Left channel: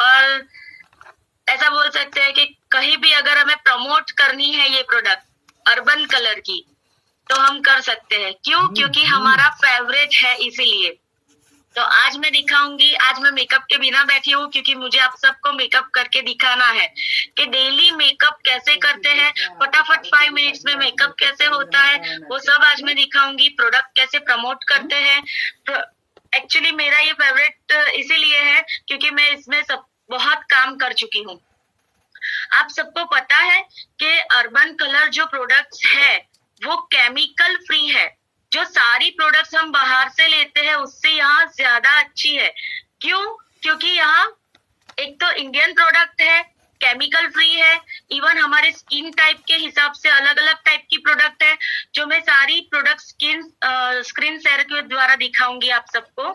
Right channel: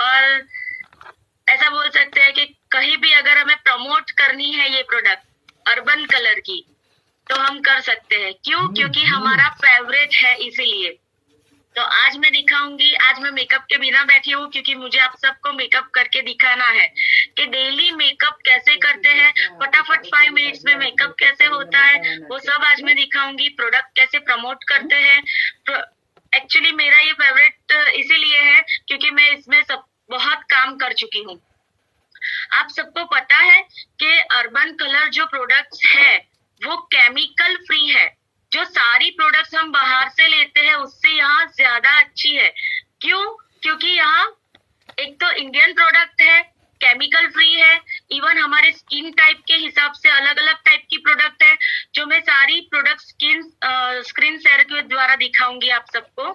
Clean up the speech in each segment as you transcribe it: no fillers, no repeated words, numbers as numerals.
और ऐसा बोल सकते हैं कि कहीं भी अगर हमें प्रमोट करनी है ये प्रोडक्ट अर्बन कलर की तो हम कर सकते हैं। क्यों? क्योंकि हमारा फेवरेट है, इसीलिए। तो आज मैं दिखाऊंगी, आज मैं मेकअप के बिना बैठी हूँ क्योंकि मुझे आप सबको मेकअप करके दिखाना है कि डेली मेकअप कैसे करते हैं, फटाफट 5 मिनट्स में मेकअप कैसे होता है, वो सब आज मैं दिखाऊंगी। प्रोडक्ट कैसे प्रमोट करते हैं। एक्चुअली मेरा ये फेवरेट इसीलिए है क्योंकि मैं इसमें सब बहुत काम कर चुकी हूँ। आप सबको पता है कि अर्बन कलर जो प्रोडक्ट्स है वो केमिकल फ्री है। जो सारी प्रोडक्ट्स हम बाहर से लेते हैं उससे यहाँ ज्यादा अच्छी है। क्यों? क्योंकि यहाँ एक तो इंडियन प्रोडक्ट है, केमिकल फ्री है, इवन हमारे स्किन टाइप के हिसाब से अलग अलग टाइप की प्रोडक्ट है, जो मैं सारी प्रोडक्ट स्क्रीन शेयर के द्वारा दिखाऊंगी आप सबको।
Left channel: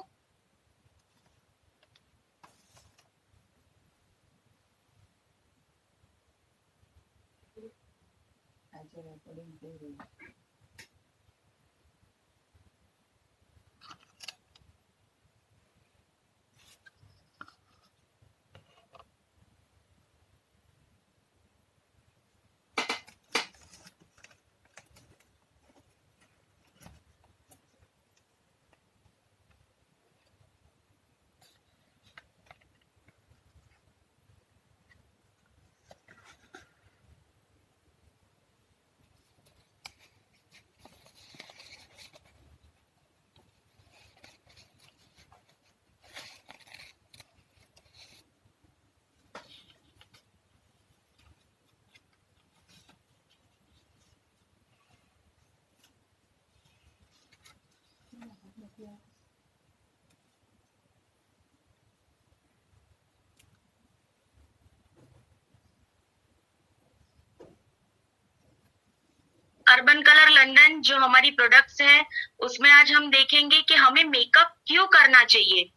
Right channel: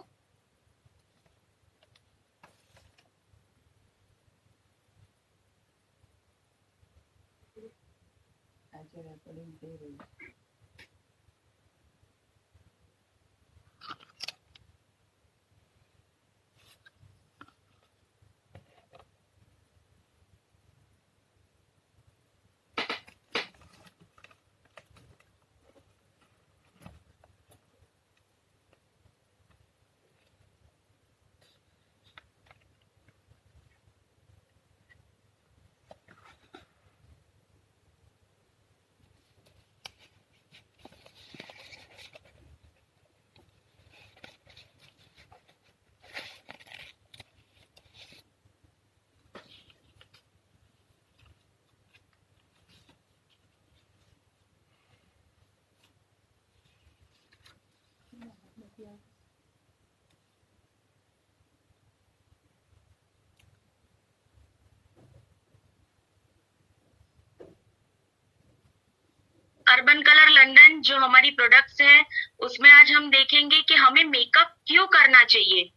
अर्बन कलर लंदन जो हमारी प्रोडक्ट्स है उसमें आज हम देखेंगे कि हमें मेकअप क्यों करना चाहिए।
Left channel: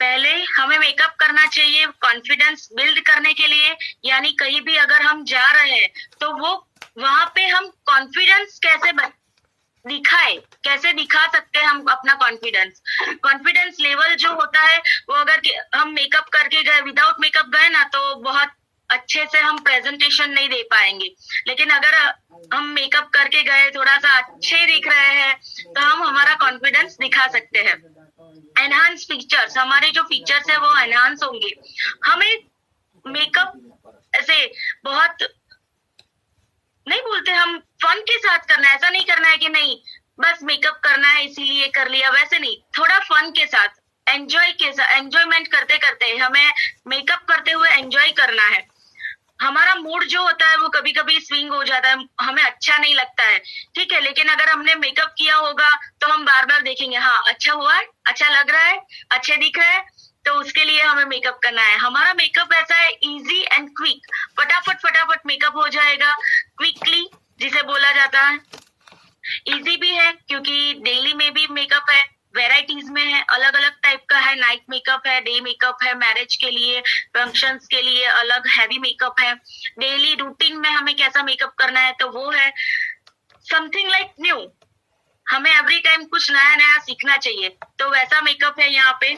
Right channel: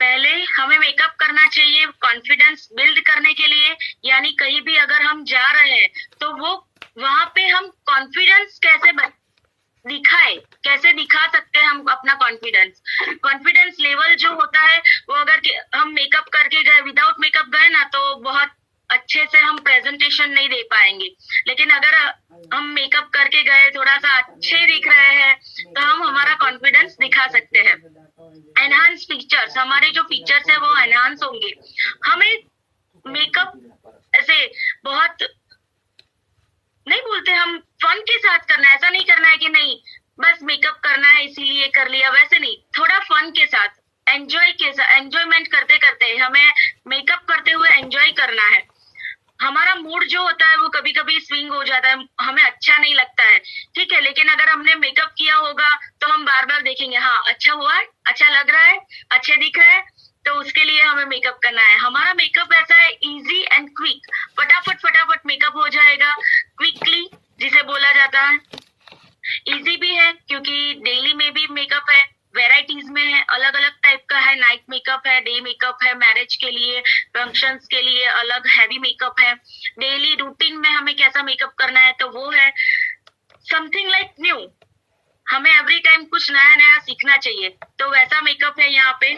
पहले हमें मेकअप करना चाहिए कॉन्फिडेंस बिल्ड करने के लिए, यानी कहीं भी अगर हम जा रहे हैं तो वो वहां पे हम कॉन्फिडेंस कैसे दिखाए, कैसे दिखा सकते हैं हम अपना कॉन्फिडेंस लेवल जो होता है वो अगर हम मेकअप करके गए, विदाउट मेकअप गए ना, तो बहुत अच्छे से हम प्रेजेंटेशन नहीं दे पाएंगे। लेकिन अगर हम मेकअप करके गए, थोड़ा सा अच्छे दिख रहे हैं, तो हम हमारा कॉन्फिडेंस दिखा सकते हैं। एनहांस फीचर्स, हमारे जो फीचर्स है वो एनहांस होंगे। हमें मेकअप ऐसे बहुत नहीं बोलते, हम फन के साथ करना है। ऐसा नहीं करना है कि नहीं बस मेकअप करना है इसीलिए कर लिया, वैसे नहीं। थोड़ा फन के साथ, एंजॉयमेंट करते करते हमें मेकअप करते हुए एंजॉय करना है। हमारा मूड जो होता है वो कभी कभी स्विंग हो जाता है, हमें अच्छा नहीं लगता है, ठीक है। लेकिन अगर हमने मेकअप किया होगा तो हम बार बार देखेंगे, हाँ अच्छा हुआ है, अच्छा लग रहा है, अच्छे दिख रहे हैं, तो उसके लिए हमें मेकअप करना है। हमारा मेकअप ऐसा है इजी एंड क्विक, फटाफट मेकअप हो जाएगा क्विकली, जिसे बोला जाता है। इजी भी है क्योंकि डेली में भी मेकअप है, वेराइटीज में है, अलग अलग टाइप का है। नाइट मेकअप है, डे मेकअप है, मैरिज के लिए, फंक्शंस के लिए अलग हैवी मेकअप है। डेली रूटीन में हमें कैसा मेकअप करना है तो वो है समथिंग लाइक न्यू। हमें एवरी टाइम कुछ नया नया सीखना चाहिए, तो वैसा मेकअप है यहाँ पे।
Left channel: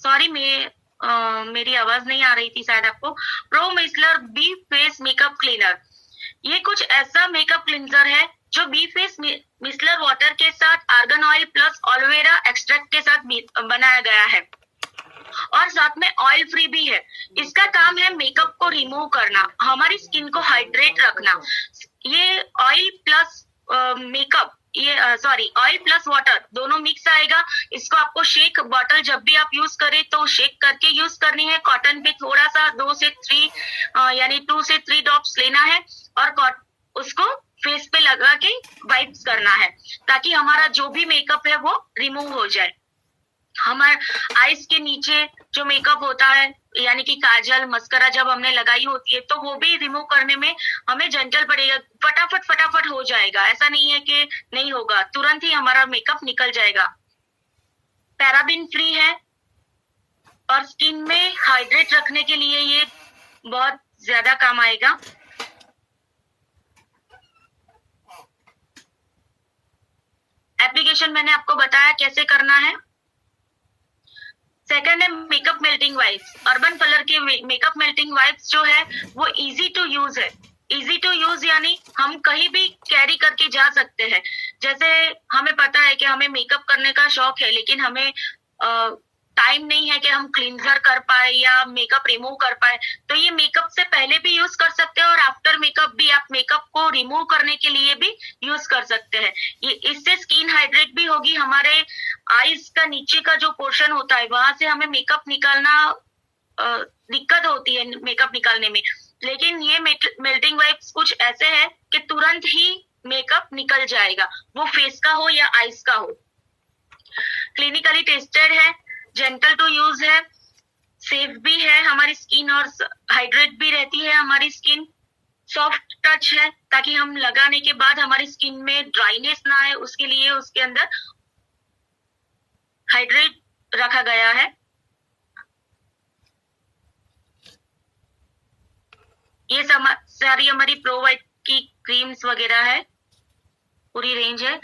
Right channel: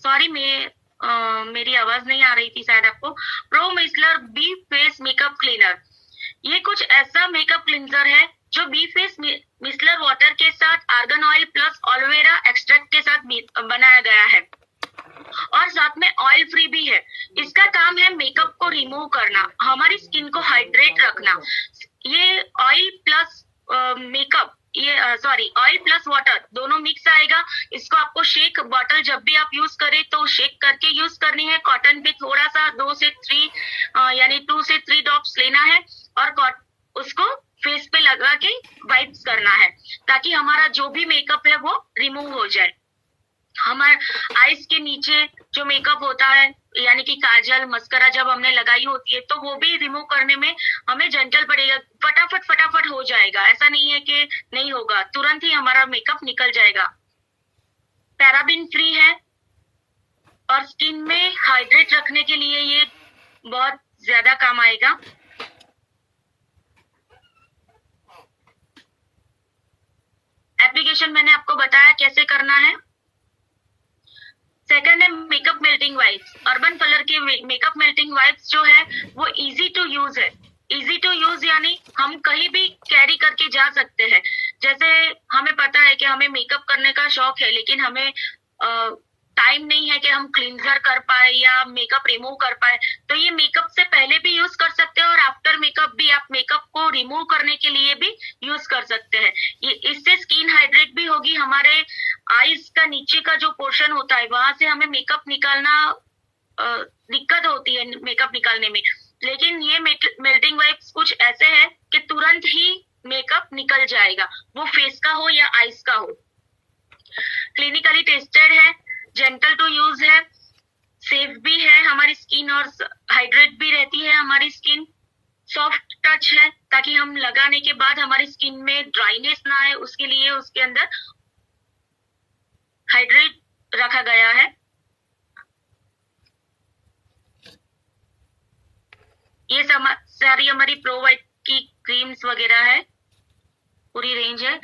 सॉरी, मेरी आवाज नहीं आ रही थी शायद आपको। Pro micellar bi face makeup cleaner, ये कुछ ऐसा मेकअप क्लींजर है जो बी फेस मिसलर वाटर के साथ argan oil plus aloe vera extract के साथ बनाया गया है और साथ में ऑयल फ्री भी है। इसका काम है मेकअप को रिमूव करना, हमारी स्किन को हाइड्रेट रखना। ये ऑयल प्लस मेकअप, ये सॉरी ऑयल प्लस वाटर दोनों मिक्स आएगा। इसको आपको शेक बॉटल जब भी आप यूज करें तो शेक करके यूज करनी है। कॉटन पे थोड़ा सा 2 से 3 यानी 2 से 3 ड्रॉप्स लेना है और उसको फेस पे लगा के वाइप्स करना है ताकि हमारा जो भी मेकअप है वो रिमूव हो जाए। हमारे आईज के नीचे जो मेकअप होता है यानी कि काजल मस्करा जब हमने लगाई होती है तो वो भी रिमूव करने में हमें जेंटल पड़ेगा, फटाफट हो जाएगा। ऐसा नहीं है कि नहीं होगा, तुरंत ही हमारा मेकअप निकल जाएगा। पैराबिन फ्री है और स्किन में हाइड्रेट रखने के लिए ये बहुत ज्यादा काम आएगा। एप्लीकेशन मैंने आपको बताया कैसे करना है। सेकंड है makeup melting wipes. Urban colour के मेकअप मेल्टिंग वाइप्स जो है वो इजी टू यूज है। इजी टू यूज यानी हम कहीं भी कैरी करके जा सकते हैं। जैसे हमें पता है कि हमें मेकअप करने का शौक है लेकिन हमें टाइम नहीं है कि हम क्लींजर कर पाए या मेकअप रिमूव कर पाए, तो ये मेकअप से पहले भी यूज कर सकते हैं और आफ्टर मेकअप भी आप मेकअप को रिमूव करने के लिए भी यूज कर सकते हैं। ये इससे स्किन हाइड्रेट भी होगी। हमारे आईज का नीचे का जो पोर्शन होता है वहां से हमें मेकअप निकालना दिक्कत होती है मेकअप निकालने में, लेकिन ये मेल्टिंग वाइप्स कुछ ऐसे है कि तुरंत ही मेकअप निकल जाएगा, वो फेस का हो या आईज का हो। क्लिनिकली टेस्टेड है, जेंटल टू यूज है, सेफ भी है हमारी स्किन और हाइड्रेट भी रहती है हमारी स्किन। सॉफ्ट टच है ताकि हम लगाने के बाद हमारी स्किन में ड्राइनेस ना आए, उसके लिए उसके अंदर हाइड्रेट रखा गया है। ये सारी हमारी प्रो वाइट की क्रीम्स वगैरह है, पूरी रेंज है।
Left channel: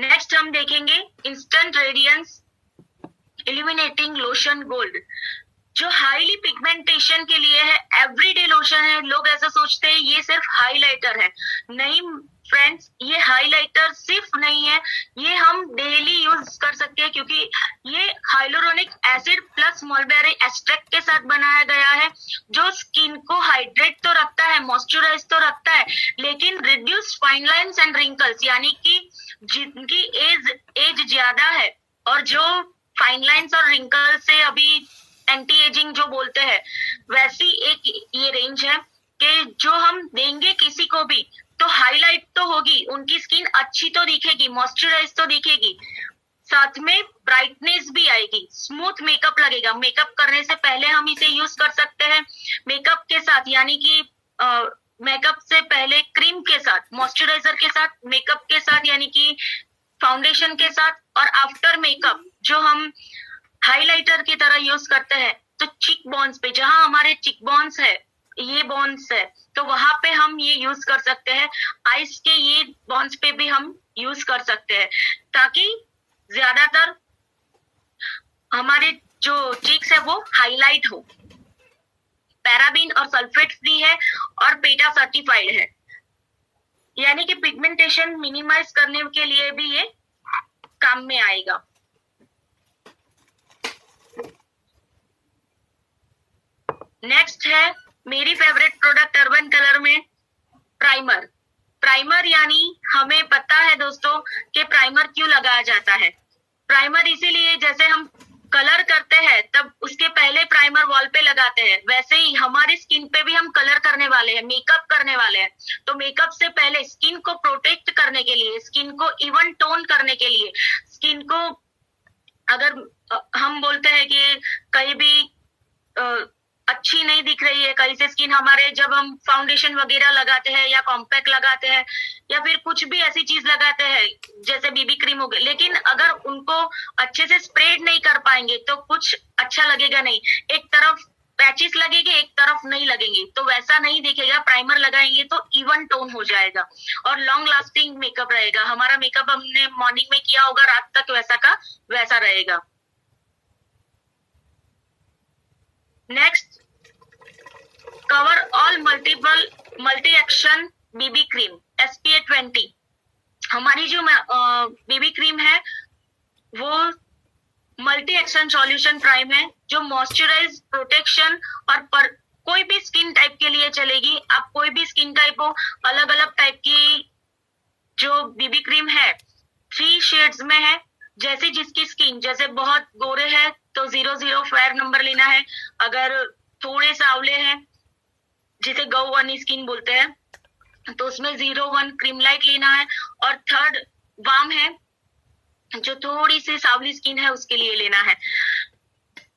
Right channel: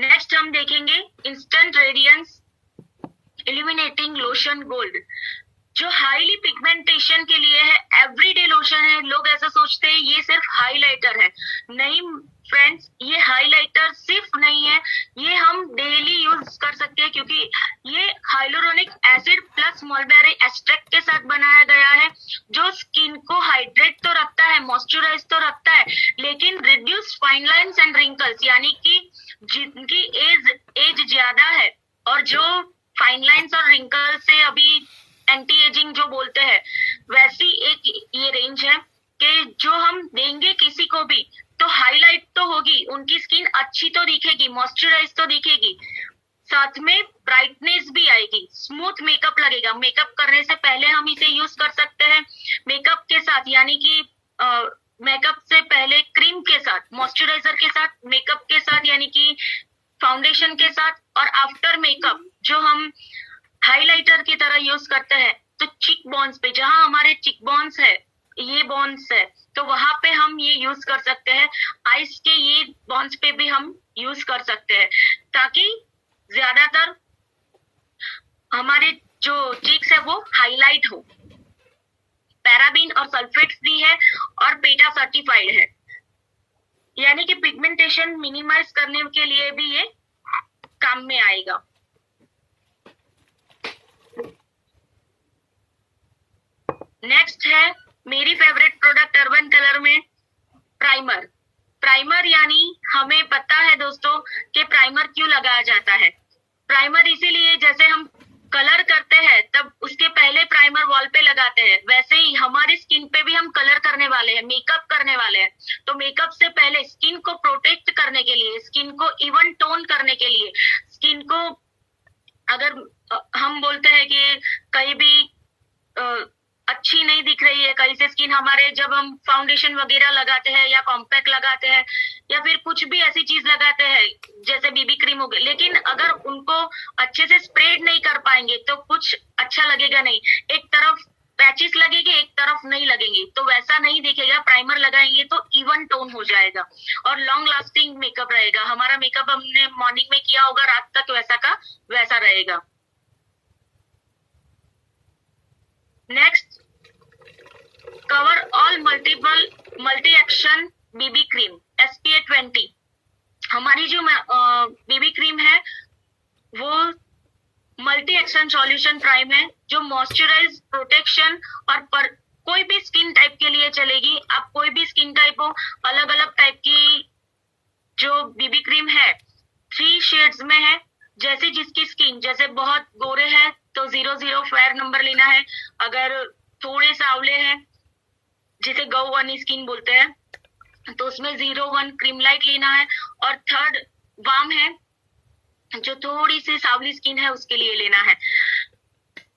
नेक्स्ट हम देखेंगे instant radiance illuminating lotion gold, जो हाईली पिगमेंटेशन के लिए है, एवरीडे लोशन है। लोग ऐसा सोचते हैं ये सिर्फ हाइलाइटर है, नहीं फ्रेंड्स, ये हाइलाइटर सिर्फ नहीं है, ये हम डेली यूज कर सकते हैं क्योंकि ये hyaluronic acid plus mulberry extract के साथ बनाया गया है, जो स्किन को हाइड्रेट तो रखता है, मॉइस्चराइज तो रखता है, लेकिन reduce fine lines and wrinkles, यानी कि जिनकी एज ज्यादा है और जो फाइन लाइंस और रिंकल से अभी एंटी एजिंग जो बोलते हैं, वैसी एक ये रेंज है कि जो हम देंगे किसी को भी तो हाईलाइट तो होगी, उनकी स्किन अच्छी तो दिखेगी, मॉइस्चराइज तो दिखेगी, साथ में ब्राइटनेस भी आएगी, स्मूथ मेकअप लगेगा। मेकअप करने से पहले हम इसे यूज कर सकते हैं, मेकअप के साथ यानी कि मेकअप से पहले क्रीम के साथ, मॉइस्चराइजर के साथ, मेकअप के साथ यानी कि फाउंडेशन के साथ, और आफ्टर मेकअप जो हम हाइलाइटर की तरह यूज करते हैं तो चिक बोन्स पे, जहां हमारे चिक बोन्स है, ये बोन्स है, तो वहां पे हम ये यूज कर सकते हैं। आइस के ये बोन्स पे भी हम यूज कर सकते हैं ताकि ज्यादातर हमारे जो चिक्स है वो हाईलाइट हो। पैराबीन और सल्फेट फ्री है और पेटा सर्टिफाइड है, यानी कि पिगमेंटेशन मिनिमाइज करने के लिए भी ये काम में आएगा। नेक्स्ट है मेरी फेवरेट प्रोडक्ट अर्बन कलर में प्राइमर। प्राइमर यानी हमें पता है दोस्तों कि प्राइमर क्यों लगाया जाता है। प्राइमर इसीलिए, जैसे हम कलर करते हैं तब उसके पहले प्राइमर वॉल पे लगाते हैं, वैसे ही हमारी स्किन पे भी हम कलर करने वाले हैं, मेकअप करने वाले हैं, तो मेकअप से पहले स्किन को प्रोटेक्ट करने के लिए, स्किन को इवन टोन करने के लिए, स्किन को अगर हम बोलते हैं कि कहीं भी अच्छी नहीं दिख रही है, कहीं से स्किन हमारे, जब हम फाउंडेशन वगैरह लगाते हैं या कॉम्पैक्ट लगाते हैं या फिर कुछ भी ऐसी चीज लगाते हैं जैसे बीबी क्रीम हो गई, लेकिन अगर उनको अच्छे से स्प्रेड नहीं कर पाएंगे तो कुछ अच्छा लगेगा नहीं, एक तरफ पैचेस लगेंगे एक तरफ नहीं लगेंगे, तो वैसा नहीं दिखेगा। प्राइमर लगाएंगे तो इवन टोन हो जाएगा और लॉन्ग लास्टिंग मेकअप रहेगा। हमारा मेकअप हमने मॉर्निंग में किया होगा, रात तक वैसा का वैसा रहेगा। Next, cover all multi action BB cream SPF 20। हमारी जो बेबी क्रीम है वो मल्टी एक्शन सॉल्यूशन प्राइम है, जो मॉइस्चराइज, प्रोटेक्शन और कोई भी स्किन टाइप के लिए चलेगी। आप कोई भी स्किन टाइप हो, अलग अलग टाइप की जो बेबी क्रीम है 3 शेड्स में है। जैसे जिसकी स्किन, जैसे बहुत गोरे हैं तो 00 फेयर नंबर लेना है, अगर थोड़े सावले हैं जिसे गौवनी स्किन बोलते हैं तो उसमें 01 क्रीम लाइट लेना है, और 3rd वार्म है जो थोड़ी सी सावली स्किन है उसके लिए लेना है।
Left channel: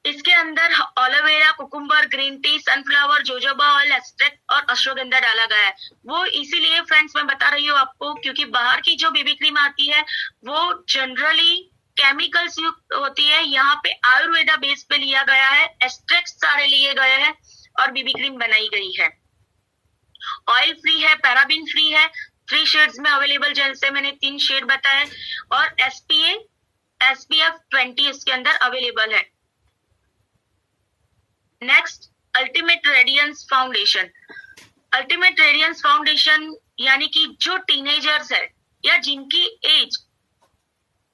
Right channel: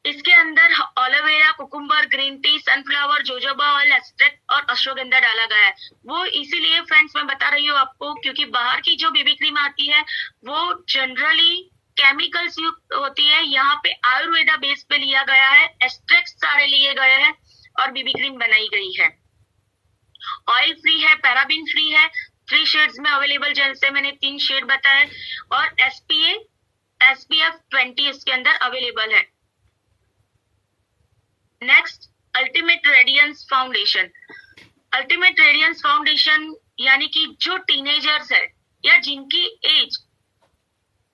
इसके अंदर aloe vera, cucumber, green tea, sunflower, jojoba oil, extract और अश्वगंधा डाला गया है। वो इसीलिए फ्रेंड्स मैं बता रही हूँ आपको क्योंकि बाहर की जो बेबी क्रीम आती है वो जनरली केमिकल्स युक्त होती है। यहाँ पे आयुर्वेदा बेस पे लिया गया है, एक्सट्रैक्ट सारे लिए गए हैं और बेबी क्रीम बनाई गई है। ऑयल फ्री है, पैराबिन फ्री है, 3 शेड्स में अवेलेबल, जैसे मैंने 3 शेड बताए, और SPF 20 इसके अंदर अवेलेबल है। Next, ultimate radiance foundation. Ultimate radiance foundation यानी कि जो टीनेजर्स है या जिनकी एज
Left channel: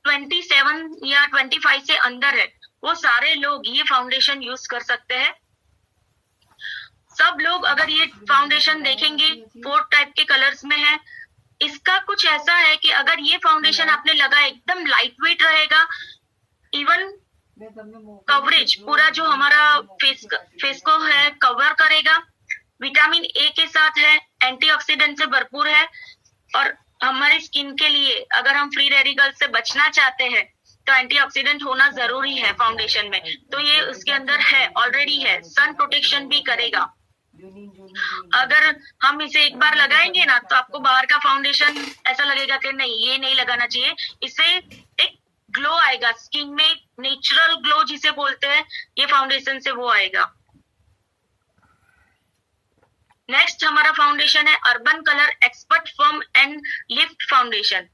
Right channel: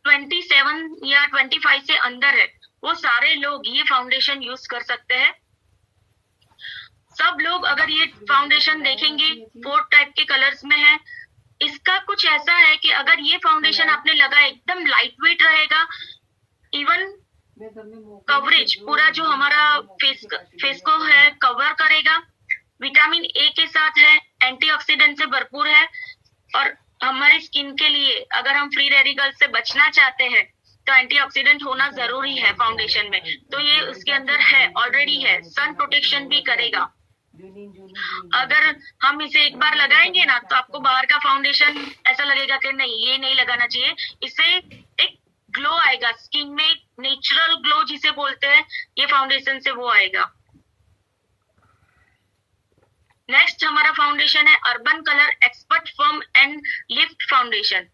27 या 25 से अंदर है वो सारे लोग ये फाउंडेशन यूज कर सकते हैं। सब लोग अगर ये फाउंडेशन देखेंगे 4 टाइप के कलर्स में है। इसका कुछ ऐसा है कि अगर ये फाउंडेशन आपने लगा एकदम लाइट वेट रहेगा, इवन कवरेज पूरा जो हमारा फेस को है कवर करेगा, विटामिन ए के साथ है, एंटीऑक्सीडेंट से भरपूर है, और हमारी स्किन के लिए अगर हम फ्री रेडिकल से बचना चाहते हैं तो एंटीऑक्सीडेंट होना जरूरी है फाउंडेशन में, तो ये उसके अंदर है, ऑलरेडी है। सन प्रोटेक्शन भी करेगा। अगर हम इसे एक बार लगाएंगे ना तो आपको बाहर का फाउंडेशन ऐसा लगेगा कि नहीं ये नहीं लगाना चाहिए। इससे एक ग्लो आएगा स्किन में, नेचुरल ग्लो जिसे बोलते हैं, ये फाउंडेशन से वो आएगा। नेक्स्ट हमारा फाउंडेशन है urban colour expert firm and lift foundation.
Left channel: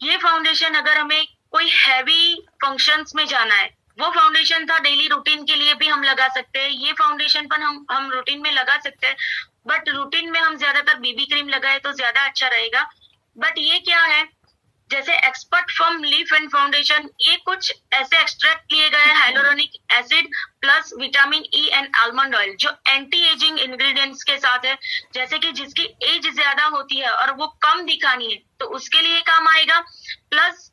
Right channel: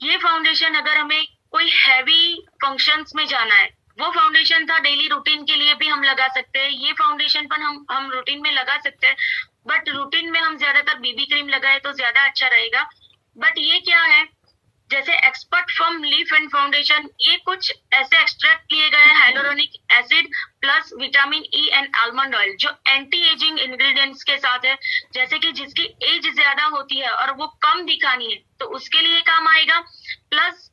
ये फाउंडेशन अगर हमें कोई हैवी फंक्शंस में जाना है, वो फाउंडेशन था डेली रूटीन के लिए भी हम लगा सकते हैं। ये फाउंडेशन पर हम रूटीन में लगा सकते हैं, बट रूटीन में हम ज्यादातर बेबी क्रीम लगाए तो ज्यादा अच्छा रहेगा। बट ये क्या है, जैसे expert firm leaf and foundation, ये कुछ ऐसे एक्सट्रैक्ट लिए गए hyaluronic acid plus vitamin E and almond oil जो एंटी एजिंग इंग्रेडिएंट्स के साथ है। जैसे कि जिसकी एज ज्यादा होती है और वो कम दिखानी है तो उसके लिए काम आएगा। प्लस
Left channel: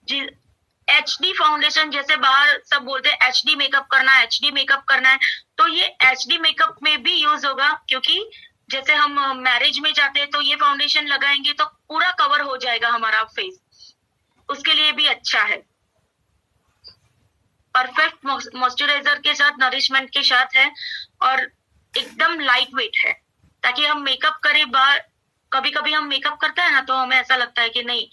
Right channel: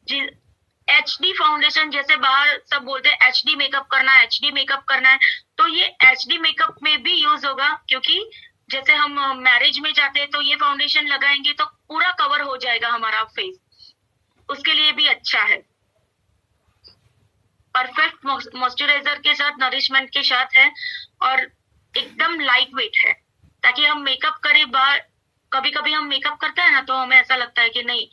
HD फाउंडेशन, जैसे बाहर सब बोलते हैं HD मेकअप करना है, HD मेकअप करना है, तो ये HD मेकअप में भी यूज होगा, क्योंकि जैसे हम मैरिज में जाते हैं तो ये फाउंडेशन लगाएंगे तो पूरा कवर हो जाएगा हमारा फेस, उसके लिए भी अच्छा है। परफेक्ट मॉइस्चराइजर के साथ, नरिशमेंट के साथ है, और एकदम लाइट वेट है, ताकि हम मेकअप करें बाहर। कभी कभी हम मेकअप करते हैं ना तो हमें ऐसा लगता है कि नहीं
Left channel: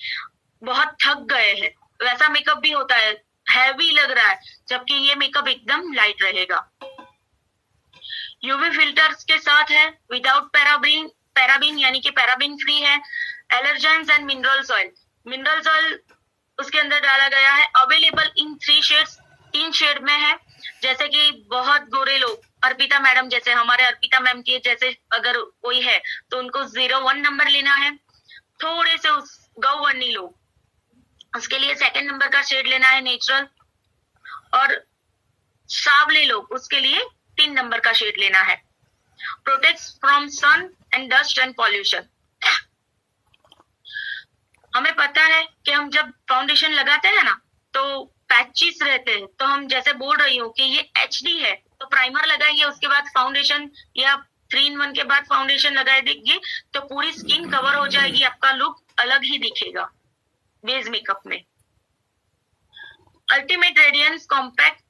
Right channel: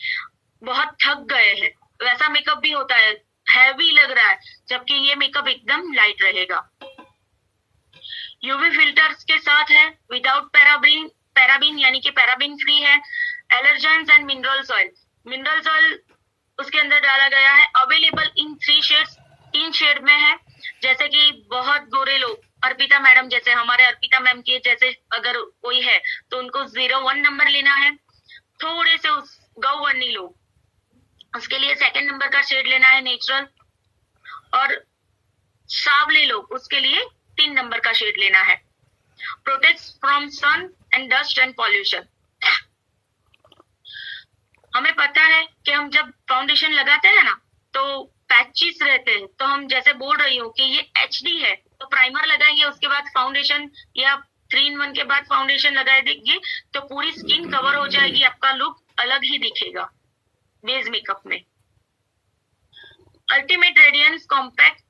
बहुत थक गए हैं, वैसा मेकअप भी होता है, हैवी लग रहा है, जबकि ये मेकअप एकदम लाइट रहेगा। यूवी फिल्टर्स के साथ है, विदाउट पैराबिन यानी कि पैराबिन फ्री है। एलर्जेंस एंड मिनरल्स ऑयल उसके अंदर डाला गया है, अवेलेबल इन 3 शेड्स, 3 शेड में है। जैसे कि बहुत गोरे लोग, अर्पिता मैडम जैसे, हमारे अर्पिता मैम के जैसे अगर कोई है तो उनको 01 नंबर लेना है। थोड़े से गौवनी लोग, उसके लिए 2nd नंबर का शेड लेना है नेचुरल, और सावले लोग उसके लिए 3 नंबर का शेड लेना है। Protects from sun and dust and pollution. हमें पता है कि हम जब फाउंडेशन लगाते हैं ना तो पैचेस रहते हैं, तो हम जैसे बोल रही हूँ कि ये HD है तो प्राइमर लगाएंगे, उसके बाद फाउंडेशन या 3 in 1 के बाद फाउंडेशन लगा देंगे तो पूरी स्किन कवर हो जाएगी, आपका लुक अलग ही दिखेगा बेस मेकअप में। अल्टीमेट रेडियंस कॉम्पैक्ट,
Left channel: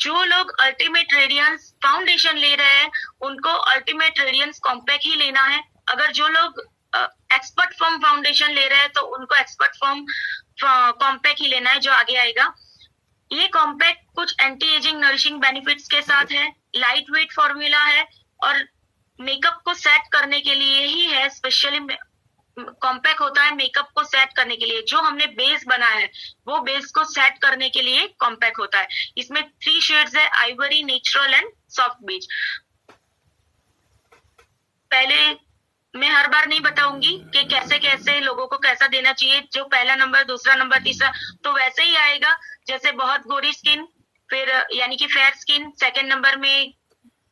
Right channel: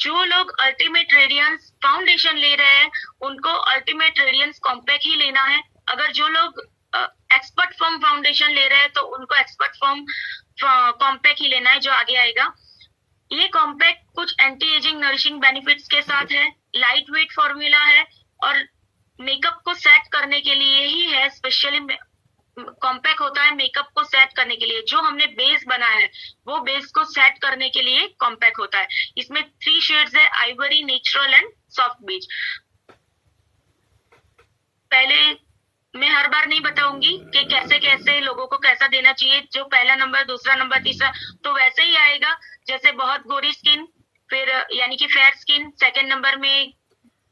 जो लोग अल्टीमेट रेडियंस फाउंडेशन ले रहे हैं उनको अल्टीमेट रेडियंस कॉम्पैक्ट ही लेना है। अगर जो लोग एक्सपर्ट फॉर्म फाउंडेशन ले रहे हैं तो उनको एक्सपर्ट फॉर्म कॉम्पैक्ट ही लेना है, जो आगे आएगा। ये कॉम्पैक्ट कुछ एंटी एजिंग नरिशिंग बेनिफिट्स के साथ है, लाइट वेट फॉर्मूला है, और मेकअप को सेट करने के लिए ही है। स्पेशली कॉम्पैक्ट होता है मेकअप को सेट करने के लिए, जो हमने बेस बनाया है वो बेस को सेट करने के लिए कॉम्पैक्ट होता है। इसमें 3 शेड्स है, आइवरी, नेचुरल एंड सॉफ्ट बीच। पहले मैं हर बार नहीं बताऊंगी कि कैसे कैसे लोगों को कैसा देना चाहिए, जो पहला नंबर, दूसरा नंबर, तीसरा, तो वैसे ही आएगा। जैसे बहुत गोरी स्किन, फिर यानी कि फेयर स्किन, सेकंड नंबर में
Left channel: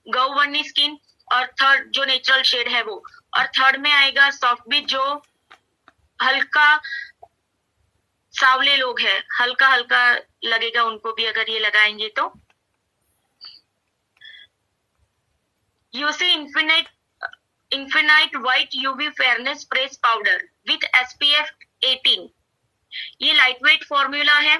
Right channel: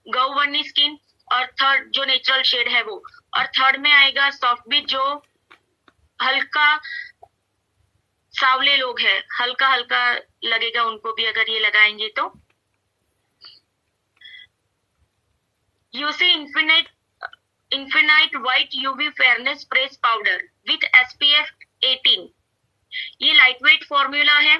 गौ वर्णी स्किन, और थर्ड जो नेचुरल शेड है वो, और थर्ड में आएगा सॉफ्ट बीच, जो हल्का सावले लोग हैं, हल्का हल्का लगेगा उनको भी अगर ये लगाएंगे तो। UC infinite white UV fairness press powder with SPF 18, ये लाइट वेट फॉर्मूला है।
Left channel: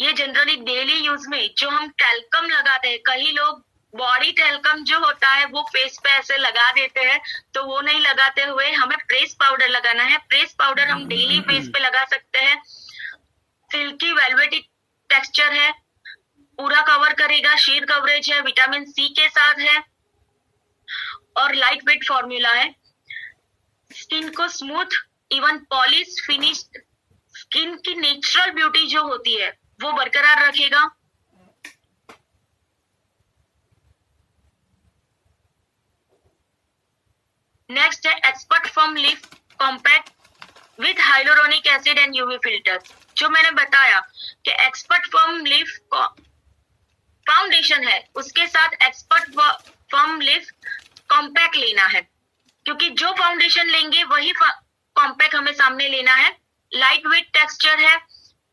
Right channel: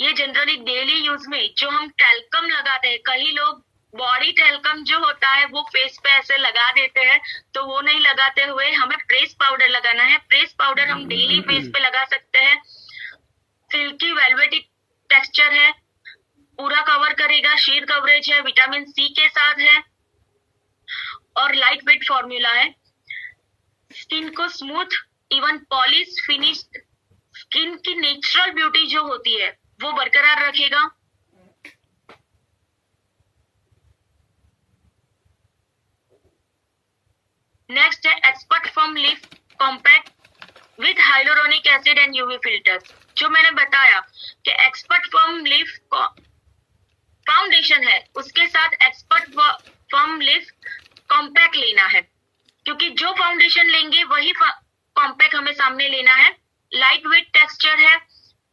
ये जनरली डेली यूज में जो हम टैल्कम लगाते हैं, कई लोग बॉडी टैल्कम जो होता है वो फेस पे ऐसे लगा देते हैं, तो वो नहीं लगाते हुए हमें प्रेस पाउडर लगाना है। प्रेस पाउडर हम डेली फेस पे लगा सकते हैं। सिल्की वेलवेटी टेक्सचर है, पूरा कवर करेगा, शीर कवरेज है, विटामिन C के साथ है, और लाइट वेट फॉर्मूला है। स्किन को smooth, even polish finish, skin की नेचुरल ब्यूटी जो होती है वो बरकरार रखेगा। नेक्स्ट है एक्सपर्ट फॉर्म लिफ compact with hyaluronic acid and UV filter. जो मैंने बताया कि एक्सपर्ट फॉर्म लिफ फाउंडेशन है, उसके साथ एक्सपर्ट फॉर्म लिफ कॉम्पैक्ट लेना है, क्योंकि जो फाउंडेशन लेंगे वही कॉम्पैक्ट हमें सामने लेना है। लाइट वेट टेक्सचर है,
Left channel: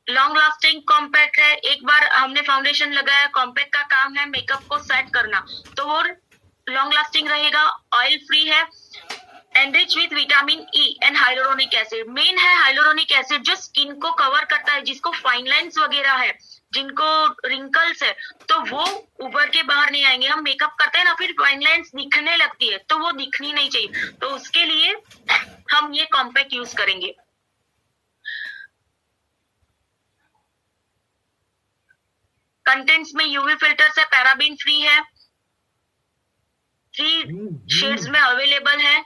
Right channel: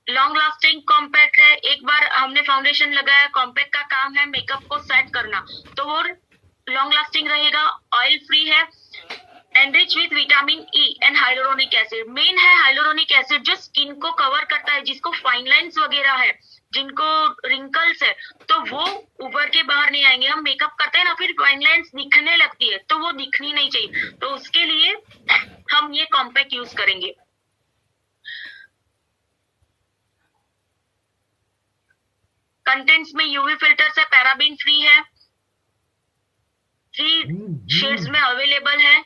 लॉन्ग लास्टिंग कॉम्पैक्ट है। एक बार हमने फाउंडेशन लगाया, कॉम्पैक्ट का काम है मेकअप को सेट करना, तो वो लॉन्ग लास्टिंग रहेगा, ऑयल फ्री है, enrich with vitamin E and hyaluronic acid. Main है हाइलोरोनिक एसिड, जो स्किन को कवर करता है, जिसको फाइन लाइंस वगैरह है, जिनको रिंकल्स है, तो वो उभर के बाहर नहीं आएंगे। हम मेकअप करते हैं ना, फिर फाइन लाइंस दिखने लगती है, तो वो दिखनी नहीं चाहिए, तो उसके लिए हम ये कॉम्पैक्ट यूज करेंगे। कंटेंट्स में यूवी फिल्टर से पैराबीन फ्री है, 3 शेड्स में अवेलेबल है।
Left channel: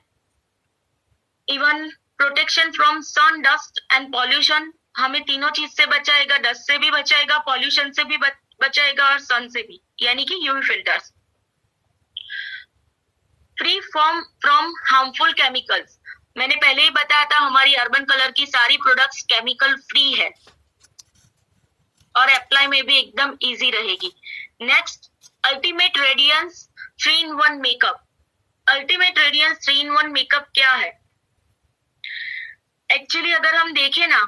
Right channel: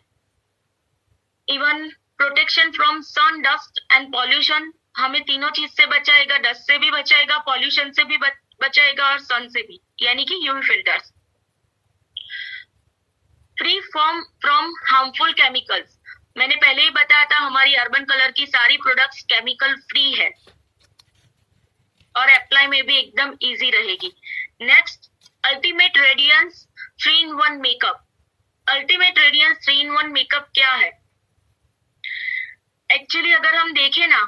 Even protection from sun, dust and pollution, हमें तीनों चीज से बचाएगा, डस्ट से भी बचाएगा, पॉल्यूशन से भी बचाएगा, और सन से भी, यानी कि UV filters. Free from harmful chemicals, मैंने पहले ही बताया था हमारी अर्बन कलर की सारी प्रोडक्ट्स केमिकल फ्री है, और अप्लाई में भी एकदम इजी रहेगी। Next, ultimate radiance 3-in-1 makeup. Ultimate radiance 3-in-1 makeup क्या है? एक्चुअली अगर हम देखें ना,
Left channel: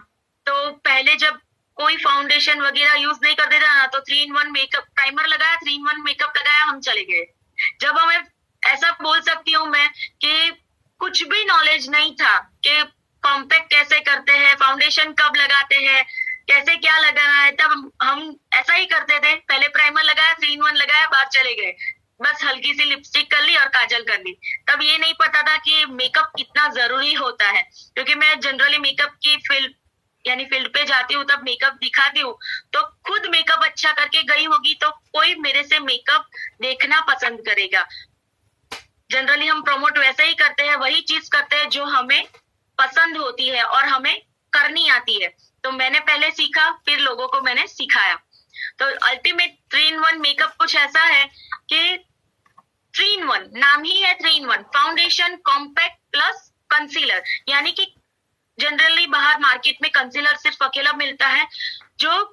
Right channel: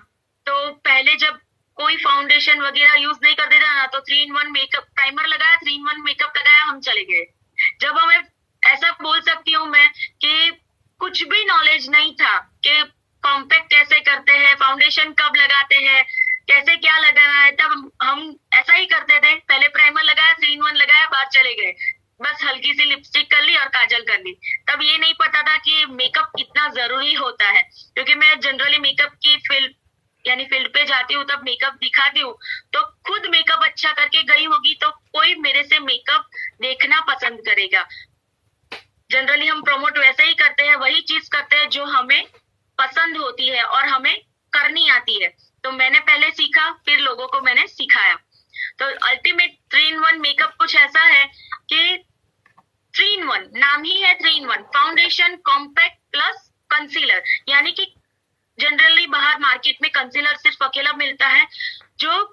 तो पहले जब कोई फाउंडेशन वगैरह यूज नहीं करते था ना, तो 3-in-1 मेकअप, प्राइमर लगाया, 3-in-1 मेकअप लगाया, हम चले गए। जब हमें ऐसा बोल सकती हूँ मैं कि कुछ भी नॉलेज नहीं था कि कॉम्पैक्ट कैसे करते हैं, फाउंडेशन कब लगाते हैं, कैसे क्या लगाना है, तब हम ऐसा ही करते थे। पहले प्राइमर लगाया, 3-in-1 लगाया, बाहर चले गए, बस हल्की सी लिपस्टिक कर ली और काजल कर ली। तब ये नहीं पता था कि मेकअप कितना जरूरी होता है, क्योंकि मैं जनरली मेकअप की फील्ड पे जाती हूँ, तब मेकअप दिखाती हूँ, तो खुद मेकअप अच्छा करके गई होगी तो कोई मेरे से मेकअप देखना पसंद करेगा। जनरली हम प्रमोट वैसे ही करते हैं, वही चीज करते हैं जो हमें पसंद होती है और हमें करनी आती है। तो मैंने पहले सीखा, फिर लोगों को मैंने सिखाया। तो अल्टीमेट 3-in-1 मेकअप कुछ ऐसा है कि 3-in-1, नाम ही है 3-in-1, foundation, compact plus concealer. यानी कि जनरली बाहर मार्केट में कंसीलर सिर्फ अकेला मिलता है, जो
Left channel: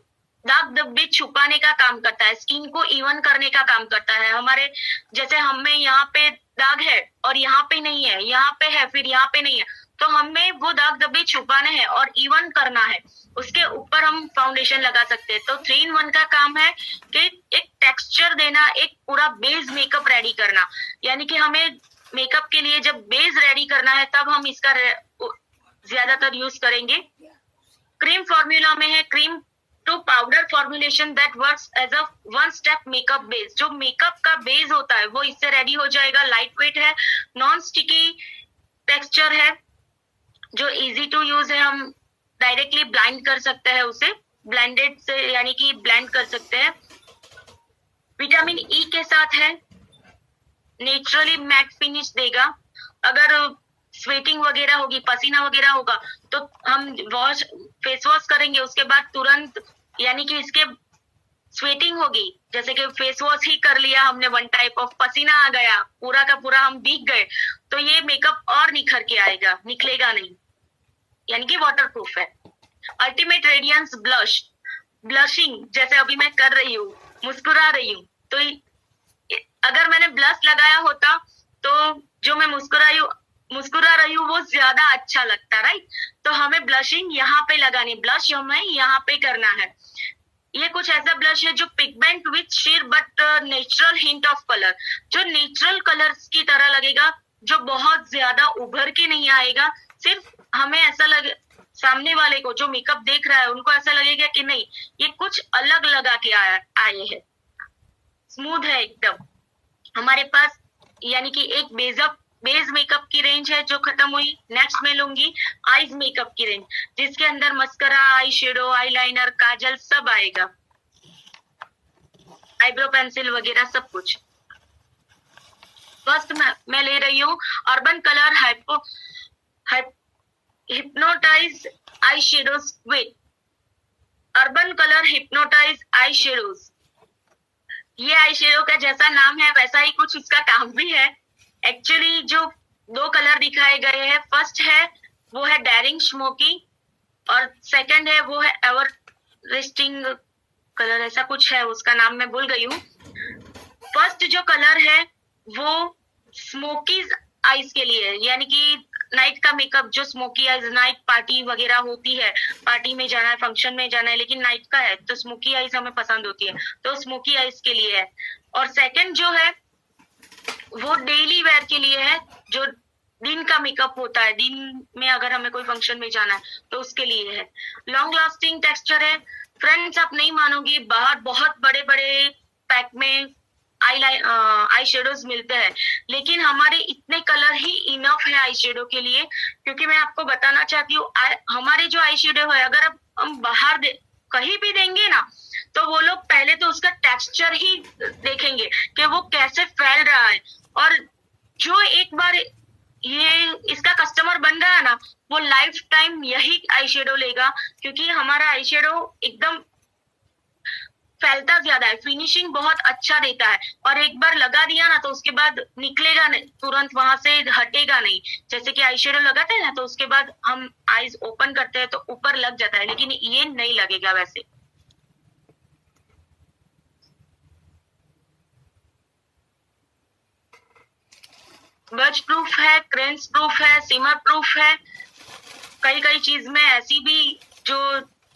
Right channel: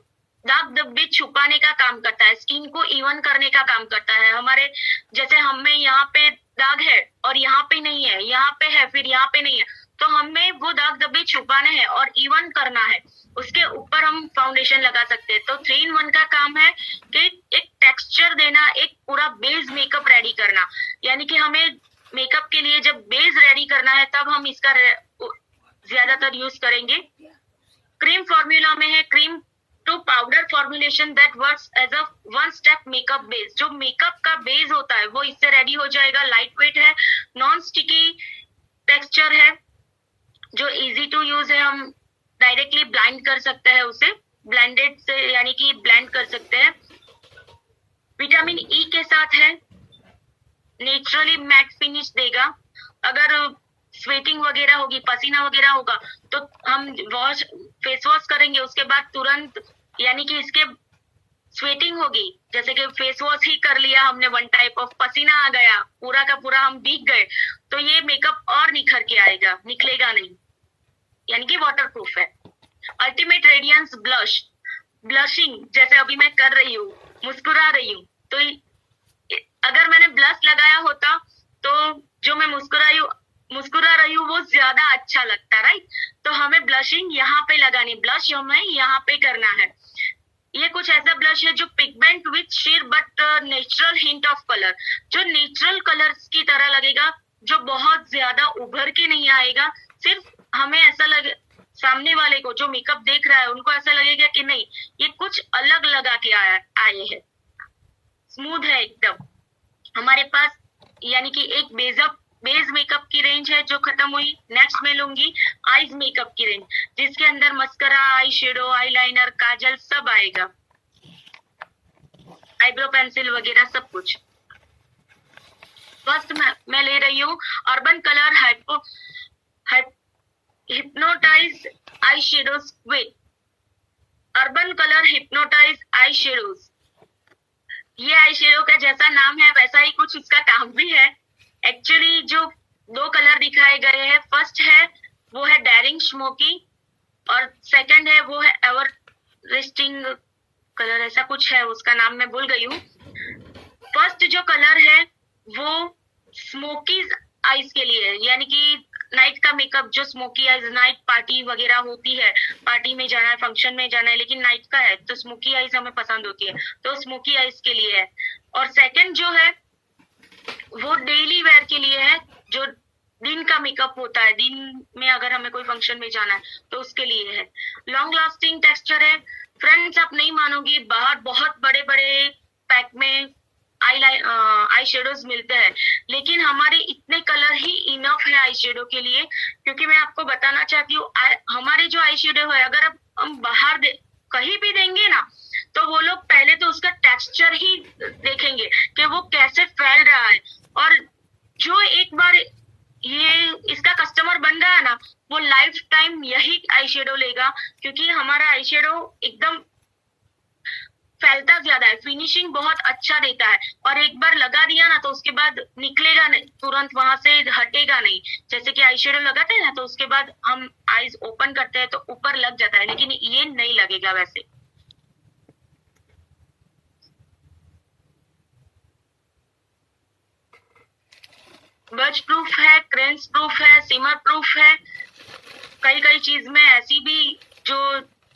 दाग धब्बे छुपाने का काम करता है, स्किन को इवन करने का काम करता है। हमारे जैसे हमें यहाँ पे दाग है और यहाँ पे नहीं है, यहाँ पे है फिर यहाँ पे नहीं है, तो हमें वो दाग धब्बे छुपाने हैं और इवन करना है, उसके ऊपर हम फाउंडेशन लगा सकते हैं। तो 3-in-1 का काम है कि एक टेक्सचर देना, एक पूरा बेस मेकअप रेडी करना। यानी कि हमें मेकअप के लिए जब बेस रेडी करना है, तब हम इसका ज्यादातर यूज करेंगे। क्रीम फॉर्मूला में है cream to powder formulation that works as a 1-step makeup base. जो मेकअप का बेस होता है वो इससे रेडी हो जाएगा। लाइट वेट है, नॉन स्टिकी टेक्सचर है, जो इजी टू यूज है, हम डायरेक्टली ब्लाइंड कर सकते हैं उसे, ब्लेंडेड से यानी कि ब्लेंड कर सकते हैं। विटामिन E के साथ है, नेचुरली मैट फिनिश देगा। अगर स्वेटिंग वगैरह होगी, पसीना वगैरह होगा, तो हम फेस वॉश करेंगे, उसके बाद तुरंत यानी कि इसके स्वेटिंग होगी, जैसे कि फेस वॉश ही कर लिया हमने, वन टाइप ऑफ पसीना आ गया, पूरा का पूरा हम भीग गए, तो ये मेकअप और निखर के आएगा, निकलेगा नहीं, यानी कि वाटर प्रूफ है। अल्टीमेट रेडियंस ब्लश, ब्लशिंग जैसे अभी मैं कर रही हूँ, मुस्कुरा रही हूँ, तो अगर मैंने ब्लश लगाया होता तो जो मैं मुस्कुरा रही हूँ वो ज्यादा अच्छा लगता, राइट। तो हमें ब्लशिंग यहाँ पे लगानी, ब्लश हमें यहाँ पे करना है। ये कुछ ऐसा ब्लश है जो pigment with shade but natural hint of colour, जो नेचुरल कलर्स की तरह लगेगा, जो बहुत ज्यादा उभर के नहीं आएगा, सिर्फ हमें ऐसा लगे, सामने वाले को जो मेकअप देख रहा है उनको ऐसा लगेगा कि नहीं ये कुछ अलग लगा के आए हैं। स्मूथ है एकदम हमारे पास, यानी कि एक बेस मेकअप की रेंज है जो खत्म हुई। नेक्स्ट मैं लूंगी आईज मेकअप की रेंज, जिसके अंदर mascara, eye shadow, eyeliner, kajal सब आएगा, आईब्रो पेंसिल वगैरह सब कुछ। फर्स्ट मैं ले रही हूँ Urban Color hypnotize eye shadows with Urban Color hypnotize eye shadows. ये आई शेडो का जैसा नाम है वैसा ही कुछ उसका काम भी है। एक्चुअली जो दो कलर दिखाए गए हैं, फर्स्ट है वो है डेरिंग स्मोकी और सेकंड है वो है एवररेस्टिंग कलर, ऐसा कुछ है, उसका नाम मैं भूल गई हूँ। फर्स्ट जो कलर है वो स्मोकीज आईज के लिए, यानी कि नाइट का मेकअप, जो स्मोकी आईज, नाइट पार्टी वगैरह होती है, पार्टी में जाना है, फंक्शन में जाना है, लेकिन नाइट का है तो स्मोकी आईज हमें पसंद होती है, तो स्मोकी आईज के लिए है। और सेकंड जो है वो डेली वेयर के लिए है, जो दिन का मेकअप होता है, दिन में अगर हमें कोई फंक्शन में जाना है तो उसके लिए है। लॉन्ग लास्टिंग टेक्सचर है फ्रेंड्स, आप नहीं मानोगी, बाहर बहुत बड़े बड़े पैक में आई शेडोज मिलते हैं, लेकिन हमारे इतने कलर ही इनफ है आई शेडो के लिए। क्योंकि मैं आपको बताना चाहती हूँ हमारे जो आई शेडो है अगर हम बाहर कहीं भी देंगे ना, तो वो लोग पहले तो उसका टेक्सचर ही देखेंगे कि वो कैसे फैल रहा है, और जो एक बार ये इसका कस्टमर बन गया ना, वो लाइफ टाइम यही आई शेडो लेगा, क्योंकि हमारा आई शेडो एकदम फैलता ज्यादा है, फिनिशिंग बहुत अच्छा देता है, और एक बार लगा दिया ना तो उसके बाद निकलेगा नहीं, तुरंत वहां से हटेगा नहीं। जैसे कि आई शेडो लगाते हैं ना तो उसके बाद हम आईज ओपन करते हैं तो ऊपर लग जाता है, लेकिन ये नहीं लगेगा वैसे। बर्च प्रूफ है, क्रेंस प्रूफ है, सिमर प्रूफ है। कई चीज में ऐसी भी जो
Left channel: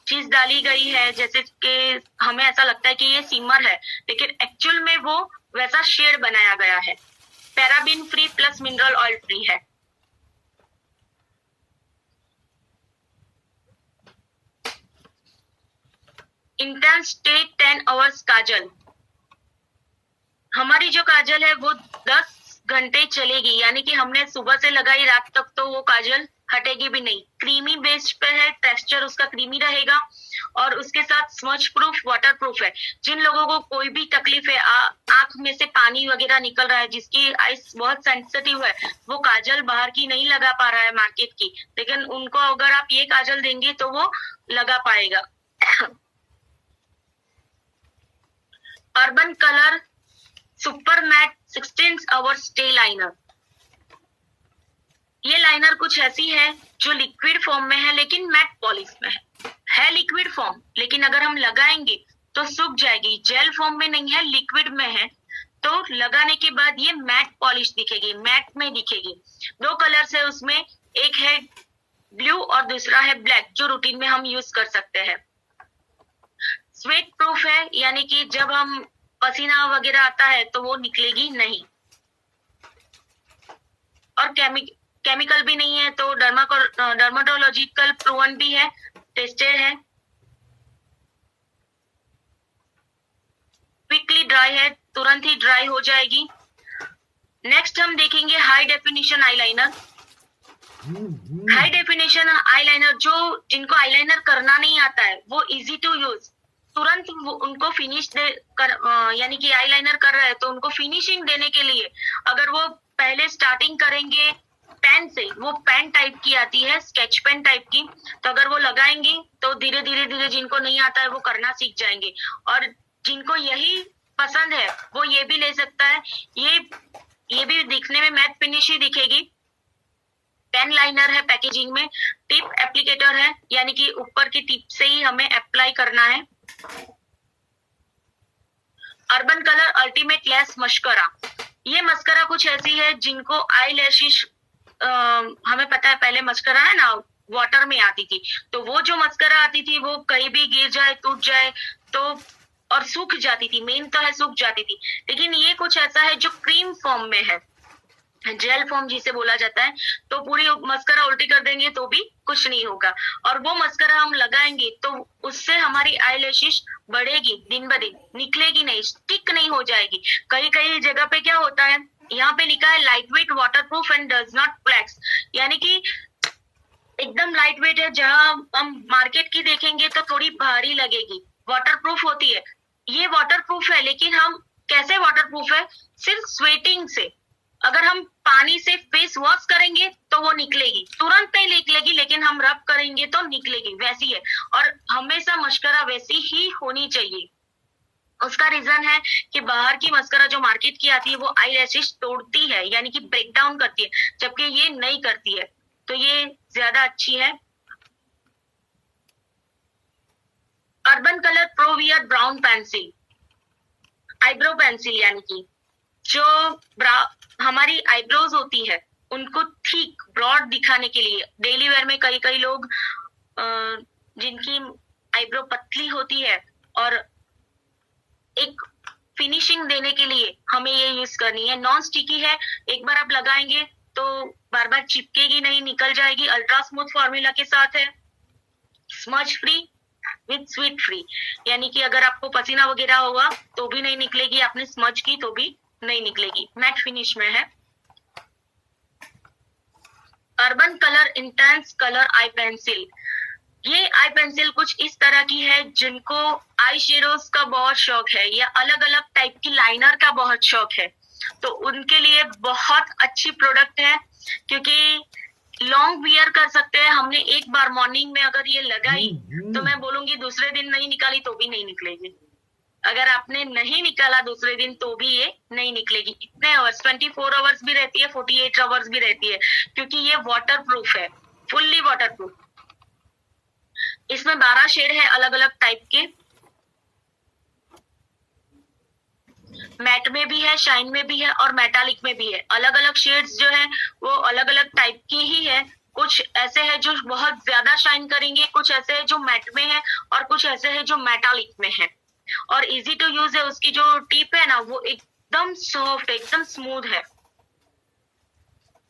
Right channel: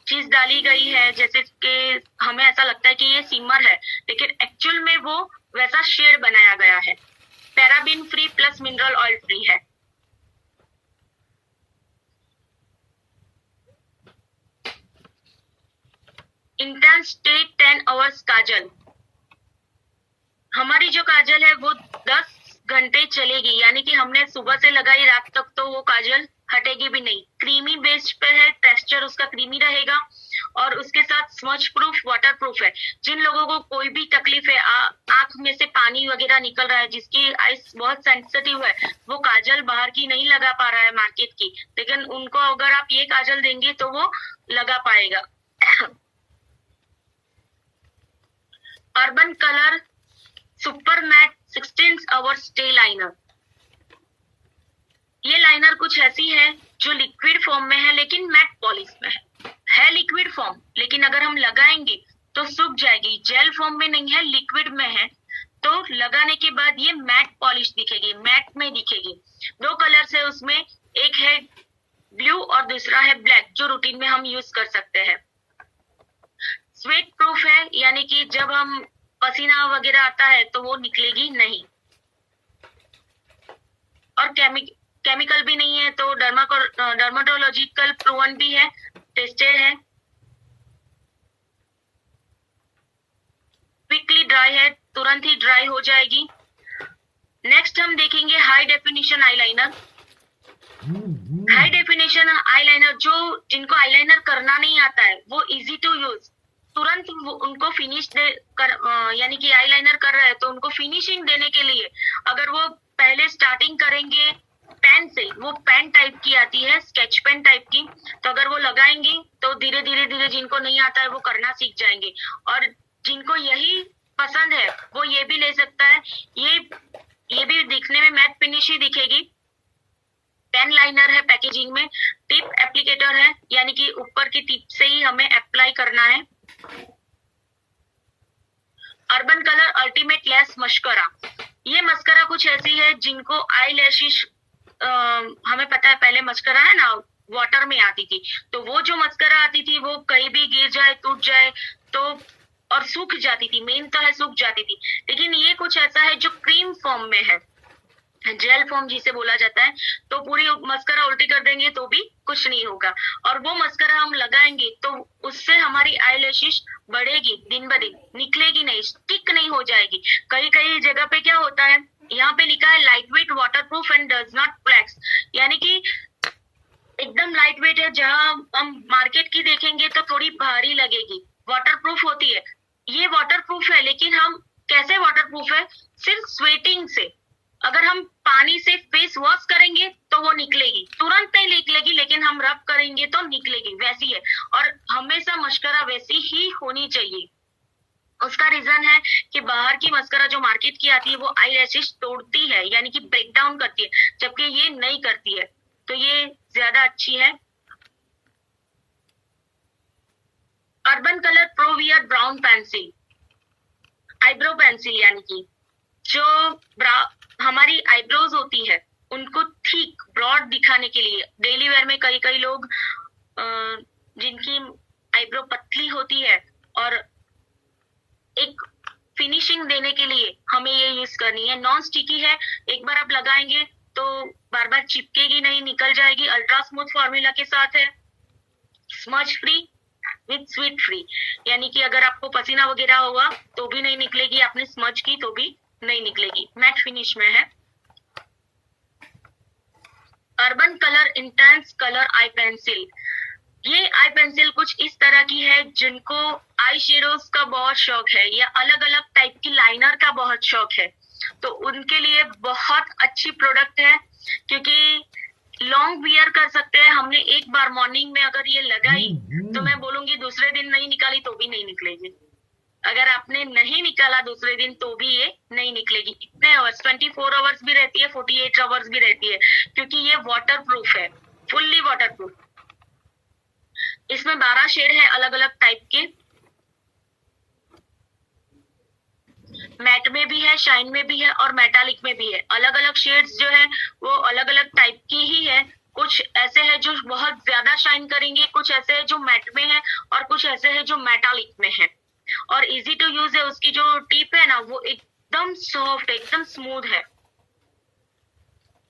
चीज डाली गई है जैसे कि हमें ऐसा लगता है कि ये सिमर है, लेकिन एक्चुअल में वो वैसा शेड बनाया गया है। Paraben free plus mineral oil free है। इंटेंस स्टे 10 आवर्स काजल, हमारी जो काजल है वो 10 घंटे चलेगी, यानी कि हमने सुबह से लगाई रात तक तो वो काजल हटेगी भी नहीं। क्रीमी बेस पे है, टेक्सचर उसका क्रीमी रहेगा, और उसके साथ स्मज प्रूफ, वाटर प्रूफ है। जिन लोगों को कोई भी तकलीफ है, आंख में से पानी वगैरह निकल रहा है, जिसकी आईज बहुत सेंसिटिव है, वो काजल बाहर की नहीं लगा पा रहा है मार्केट की, लेकिन उनको अगर आप ये काजल देंगे तो वो लगा पाएगा। Urban Color super matte 16 hour stay liner, ये लाइनर कुछ ऐसी है जो लिक्विड फॉर्म में है लेकिन मैट पॉलिश में है लिक्विड फॉर्म, लेकिन अगर हम लगाएंगे तो सूख जाएगी। जेल फॉर्म में नहीं है, लिक्विड में है, तो लगाने के बाद ये मैट पॉलिश दिखेगी, मैट में दिखेगी। दो कलर्स है उसमें, एक है ब्लू और दूसरा है ब्लैक, जो रूटीन में हम यूज कर सकते हैं। स्वेट प्रूफ है, यानी कि जब हम पसीना वगैरह आता है तो वो निकलेगी नहीं, और केमिकल भी नहीं है, तो डर्माटोलॉजिकल प्रूवन भी है, टेस्टेड है। क्विकली ड्राई है, तुरंत ही ड्राई हो जाएगी। नेक्स्ट हम देखेंगे high definition eyeliner. High definition eyeliner, जो जिनको आईलाइनर करना नहीं आता है वो इजी टू यूज, तुरंत उनको फिनिश यानी कि आईलाइनर कर रहे हैं तो उनको फिनिशिंग देने के लिए अगर वो पहले स्टार्टिंग करेंगे पेन से, वो पेन टाइप की आती है, स्केच पेन टाइप की, तो अगर वो लगाएंगे तो धीरे धीरे जिनको नहीं आता है वो करना सीख जाएंगे। और जिनको यही पसंद है वो ये भी ले सकता है। ये भी दिखने में मैट फिनिश ही दिखेगी। 10 लाइनर है पैकेजिंग में, टिप एप्लीकेटर है, यानी कि ऊपर की टिप से ही हमें अप्लाई करना है। Urban colour ultimate less mascara, ये मस्करा कुछ ऐसी है जिनको आई लैशेस, हमें पता है पहले मस्करा है ना वाटर में आती थी, तो वो जो मस्करा आती थी वो कहीं भी गिर जाए टूट जाए तो और सूख जाती थी, मेन तो है सूख जाती थी। लेकिन ये कुछ ऐसा है जो क्रीम फॉर्म में है, जेल फॉर्म जिसे बोला जाता है। तो पूरी मस्करा उल्टी कर देंगे तो भी कुछ नहीं होगा, और वो मस्करा हम लगाएंगे तो उससे हमारी आईलैशेस बढ़ेगी, दिन ब दिन निकलेगी नहीं, स्टिक नहीं हो जाएगी। कई कई जगह पे क्या होता है, यहाँ पे लिखा है light weight waterproof and does not flakes, यानी कि एकदम लाइट वेट है। जहां हम मार्केट की देखेंगे तो थोड़ी भारी लगेगी, वाटरप्रूफ होती है। ये वाटरप्रूफ है, लेकिन हम कैसे वाटरप्रूफ है, सिर्फ स्वेटिंग से। अगर हम पानी से फेस वॉश करेंगे तो वो निकलेगी, तुरंत नहीं निकलेगी, लेकिन हम रब करेंगे तो निकलेगी, वैसी है। और हमेशा मस्करा वैसी ही होनी चाहिए। उसका रीजन है कि बाहर की मस्करा जो मार्केट की आती है वो आई लैशेस तोड़ती है, यानी कि ब्रेक डाउन करती है, जबकि ये नहीं करती है, तो ये ज्यादा अच्छी है। अर्बन कलर प्रोवियर ब्राउन पेंसिल, आईब्रो पेंसिल, यानी कि जो हमारी आईब्रोज होती है उनको ठीक ब्रॉड दिखाने के लिए, डेली वेयर में कई कई लोग जिनकी आईब्रो पतली होती है और एक फिनिशिंग देने के लिए हमें ये यूज करनी है। नॉन स्टिकी है, एक बार आप लगाएंगे तो बार बार चिपकेगी नहीं, निकल जाएगी। अल्ट्रा स्मूथ फॉर्मूला के साथ है, smudge free with sweet free, यानी कि अगर आपको पसीना वगैरह हुआ तो भी नहीं निकलेगी, आपने स्मज की तो भी नहीं निकलेगी। मैट फिनिश में है। Urban colour intense colour I pencil, ये आई पेंसिल कुछ इस तरह की है जिनको आई शेडोज का बहुत शौक है या अलग अलग टाइप की लाइनर का बहुत शौक है, तो उनके लिए बहुत अच्छी प्रोडक्ट है, क्योंकि लॉन्ग वियर कर सकते हैं। हमने एक बार मॉर्निंग में अगर ये लगाई तो मैं बोलूंगी दूसरे दिन नहीं निकाली तो भी नहीं निकलेगी। अगर आपने नहीं निकाला दूसरे दिन तो भी ये नहीं निकलेगी। इतने आवर्स, 24 आवर्स भी रहती है, 48 आवर्स भी रहती है, क्योंकि ये वाटर प्रूफ है, फुल्ली वाटर प्रूफ। इसमें 12 शेड है अलग अलग टाइप के, मैट में भी है, शाइन में भी है और मेटालिक में भी है। अलग अलग शेड्स जो है वो अलग अलग टाइप की ही है। कुछ ऐसे है जो बहुत ज्यादा शाइन करेंगे, कुछ ऐसे है जो मैट में है और कुछ ऐसे है जो मेटालिक में है। और इजी टू यूज है, उसकी जो टिप है ना वो एकदम सॉफ्ट, एकदम स्मूथ है।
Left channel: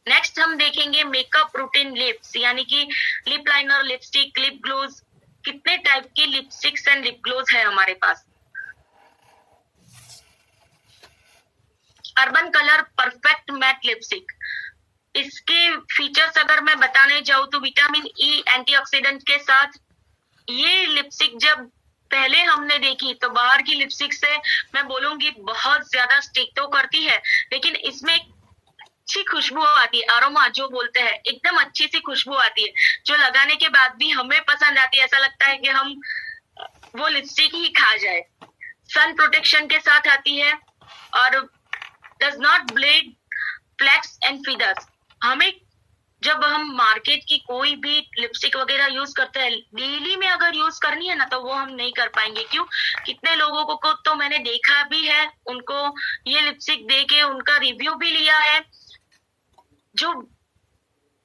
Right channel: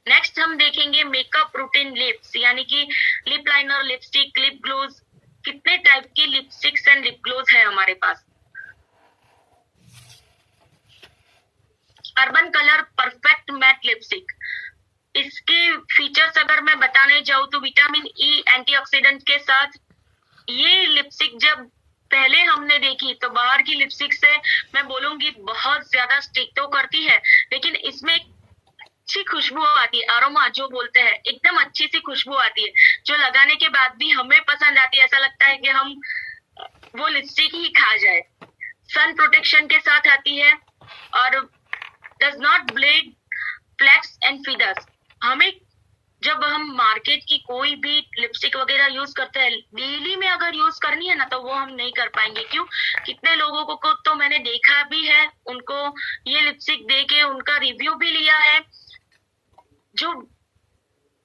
नेक्स्ट हम देखेंगे मेकअप रूटीन लिप्स, यानी कि lip liner, lipstick, lip gloss, कितने टाइप की लिपस्टिक्स एंड लिप ग्लोज है हमारे पास। Urban colour perfect matte lipstick, इसके फीचर्स अगर मैं बताने जाऊं तो विटामिन ई एंटीऑक्सीडेंट के साथ ये लिपस्टिक जब पहले हमने देखी तो बाहर की लिपस्टिक से मैं बोलूंगी बहुत ज्यादा स्टिक तो करती है, लेकिन इसमें अच्छी खुशबू आती है, अरोमा जो बोलते हैं, एकदम अच्छी सी खुशबू आती है, जो लगाने के बाद भी हमें पसंद आती है। ऐसा लगता है कि हम वो लिपस्टिक ही खा जाए। सन प्रोटेक्शन के साथ आती है और does not bleed flakes and feathers. हमें जब हम मार्केट की कोई भी लिपस्टिक वगैरह यूज करते हैं, डेली में अगर यूज करनी है ना तो वो हम नहीं कर पाएंगे। क्यों? कितने लोगों को तो मैंने देखा भी है, उनको ये लिपस्टिक दे के उनका रिव्यू भी लिया है, जो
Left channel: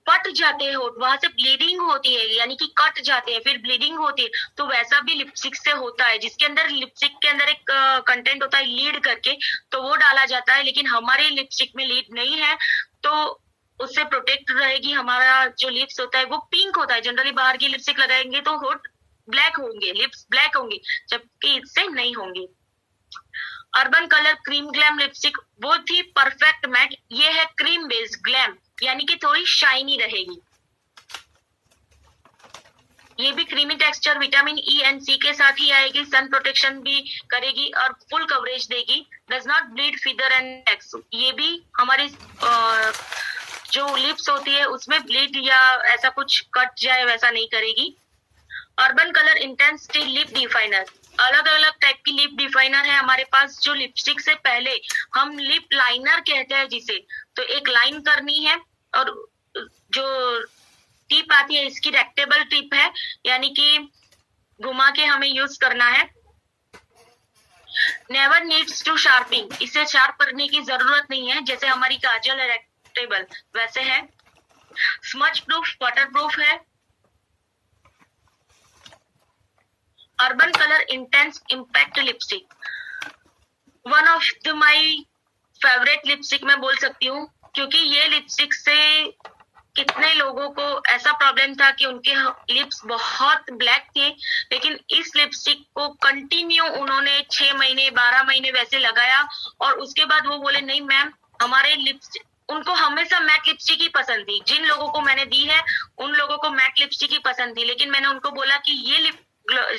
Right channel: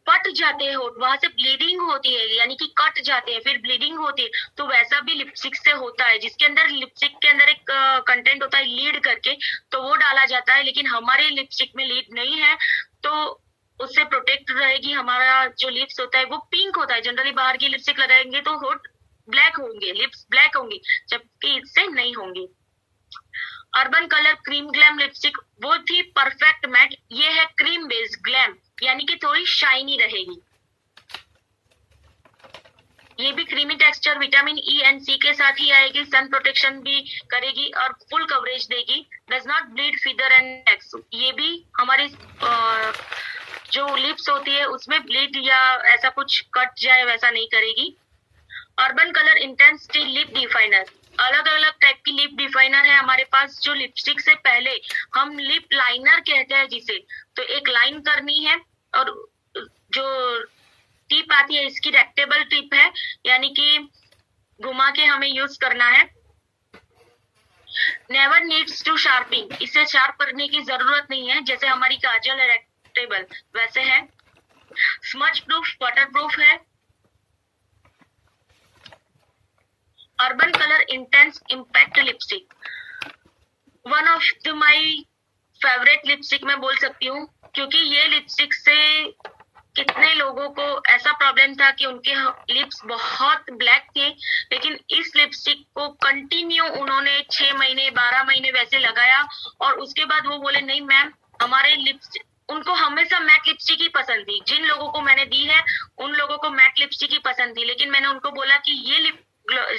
फट जाते हैं, वहां से ब्लीडिंग होती है, यानी कि कट जाते हैं फिर ब्लीडिंग होती है। तो वैसा भी लिपस्टिक से होता है, जिसके अंदर लिपस्टिक के अंदर एक कंटेंट होता है लीड करके, तो वो डाला जाता है। लेकिन हमारे लिपस्टिक में लीड नहीं है, तो उससे प्रोटेक्ट रहेगी। हमारा जो लिप्स होता है वो पिंक होता है। जनरली बाहर की लिपस्टिक लगाएंगे तो होठ ब्लैक होंगे, लिप्स ब्लैक होंगी, जबकि इससे नहीं होंगी। Urban colour cream glam lipstick, वो थी परफेक्ट मैट, ये है क्रीम बेस्ड ग्लैम, यानी कि थोड़ी शाइनी रहेगी। ये भी creamy texture, vitamin E and C के साथ ही आएगी, सन प्रोटेक्शन भी करेगी और फुल कवरेज देगी। Does not bleed feather and नेक्स, ये भी हमारी जो लिप्स होती है उसमें ब्लीड या ऐसा कुछ कट जाए वैसा नहीं करेगी। Urban colour intensity lip definer, अलग अलग टाइप की लिप डिफाइनर है हमारे पास, जो लिपस्टिक से पहले हम लिप लाइनर कहते हैं जिसे, तो एक लाइन करनी है, और जो टिप आती है इसकी रेक्टेबल टिप है, यानी कि घुमा के हमें यूज करना है। नेवर नीड्स टू शार्पिंग, इसे शार्प करने की जरूरत नहीं है, जैसे हमारी काजल है रेक्टेबल वैसे है। स्मच प्रूफ, वाटर प्रूफ है। Urban colour intense impact lipstick, one of the my favourite lipstick मैं बोल सकती हूँ, क्योंकि ये लिपस्टिक से कितने लोगों को ऐसा प्रॉब्लम था कि उनके लिप्स बहुत ब्लैक थे, लेकिन इस लिपस्टिक को कंटिन्यू उन्होंने 6 महीने 12 महीने वैसे लगाया, और उसके बाद वो बोले नहीं मैम, हमारे लिप्स, उनको हमेशा मैट लिपस्टिक ही पसंद थी। जिन लोगों को मैंने दी है उन लोगों को मैट लिपस्टिक ही पसंद थी, लेकिन मैंने उनको बोला कि ये लिप,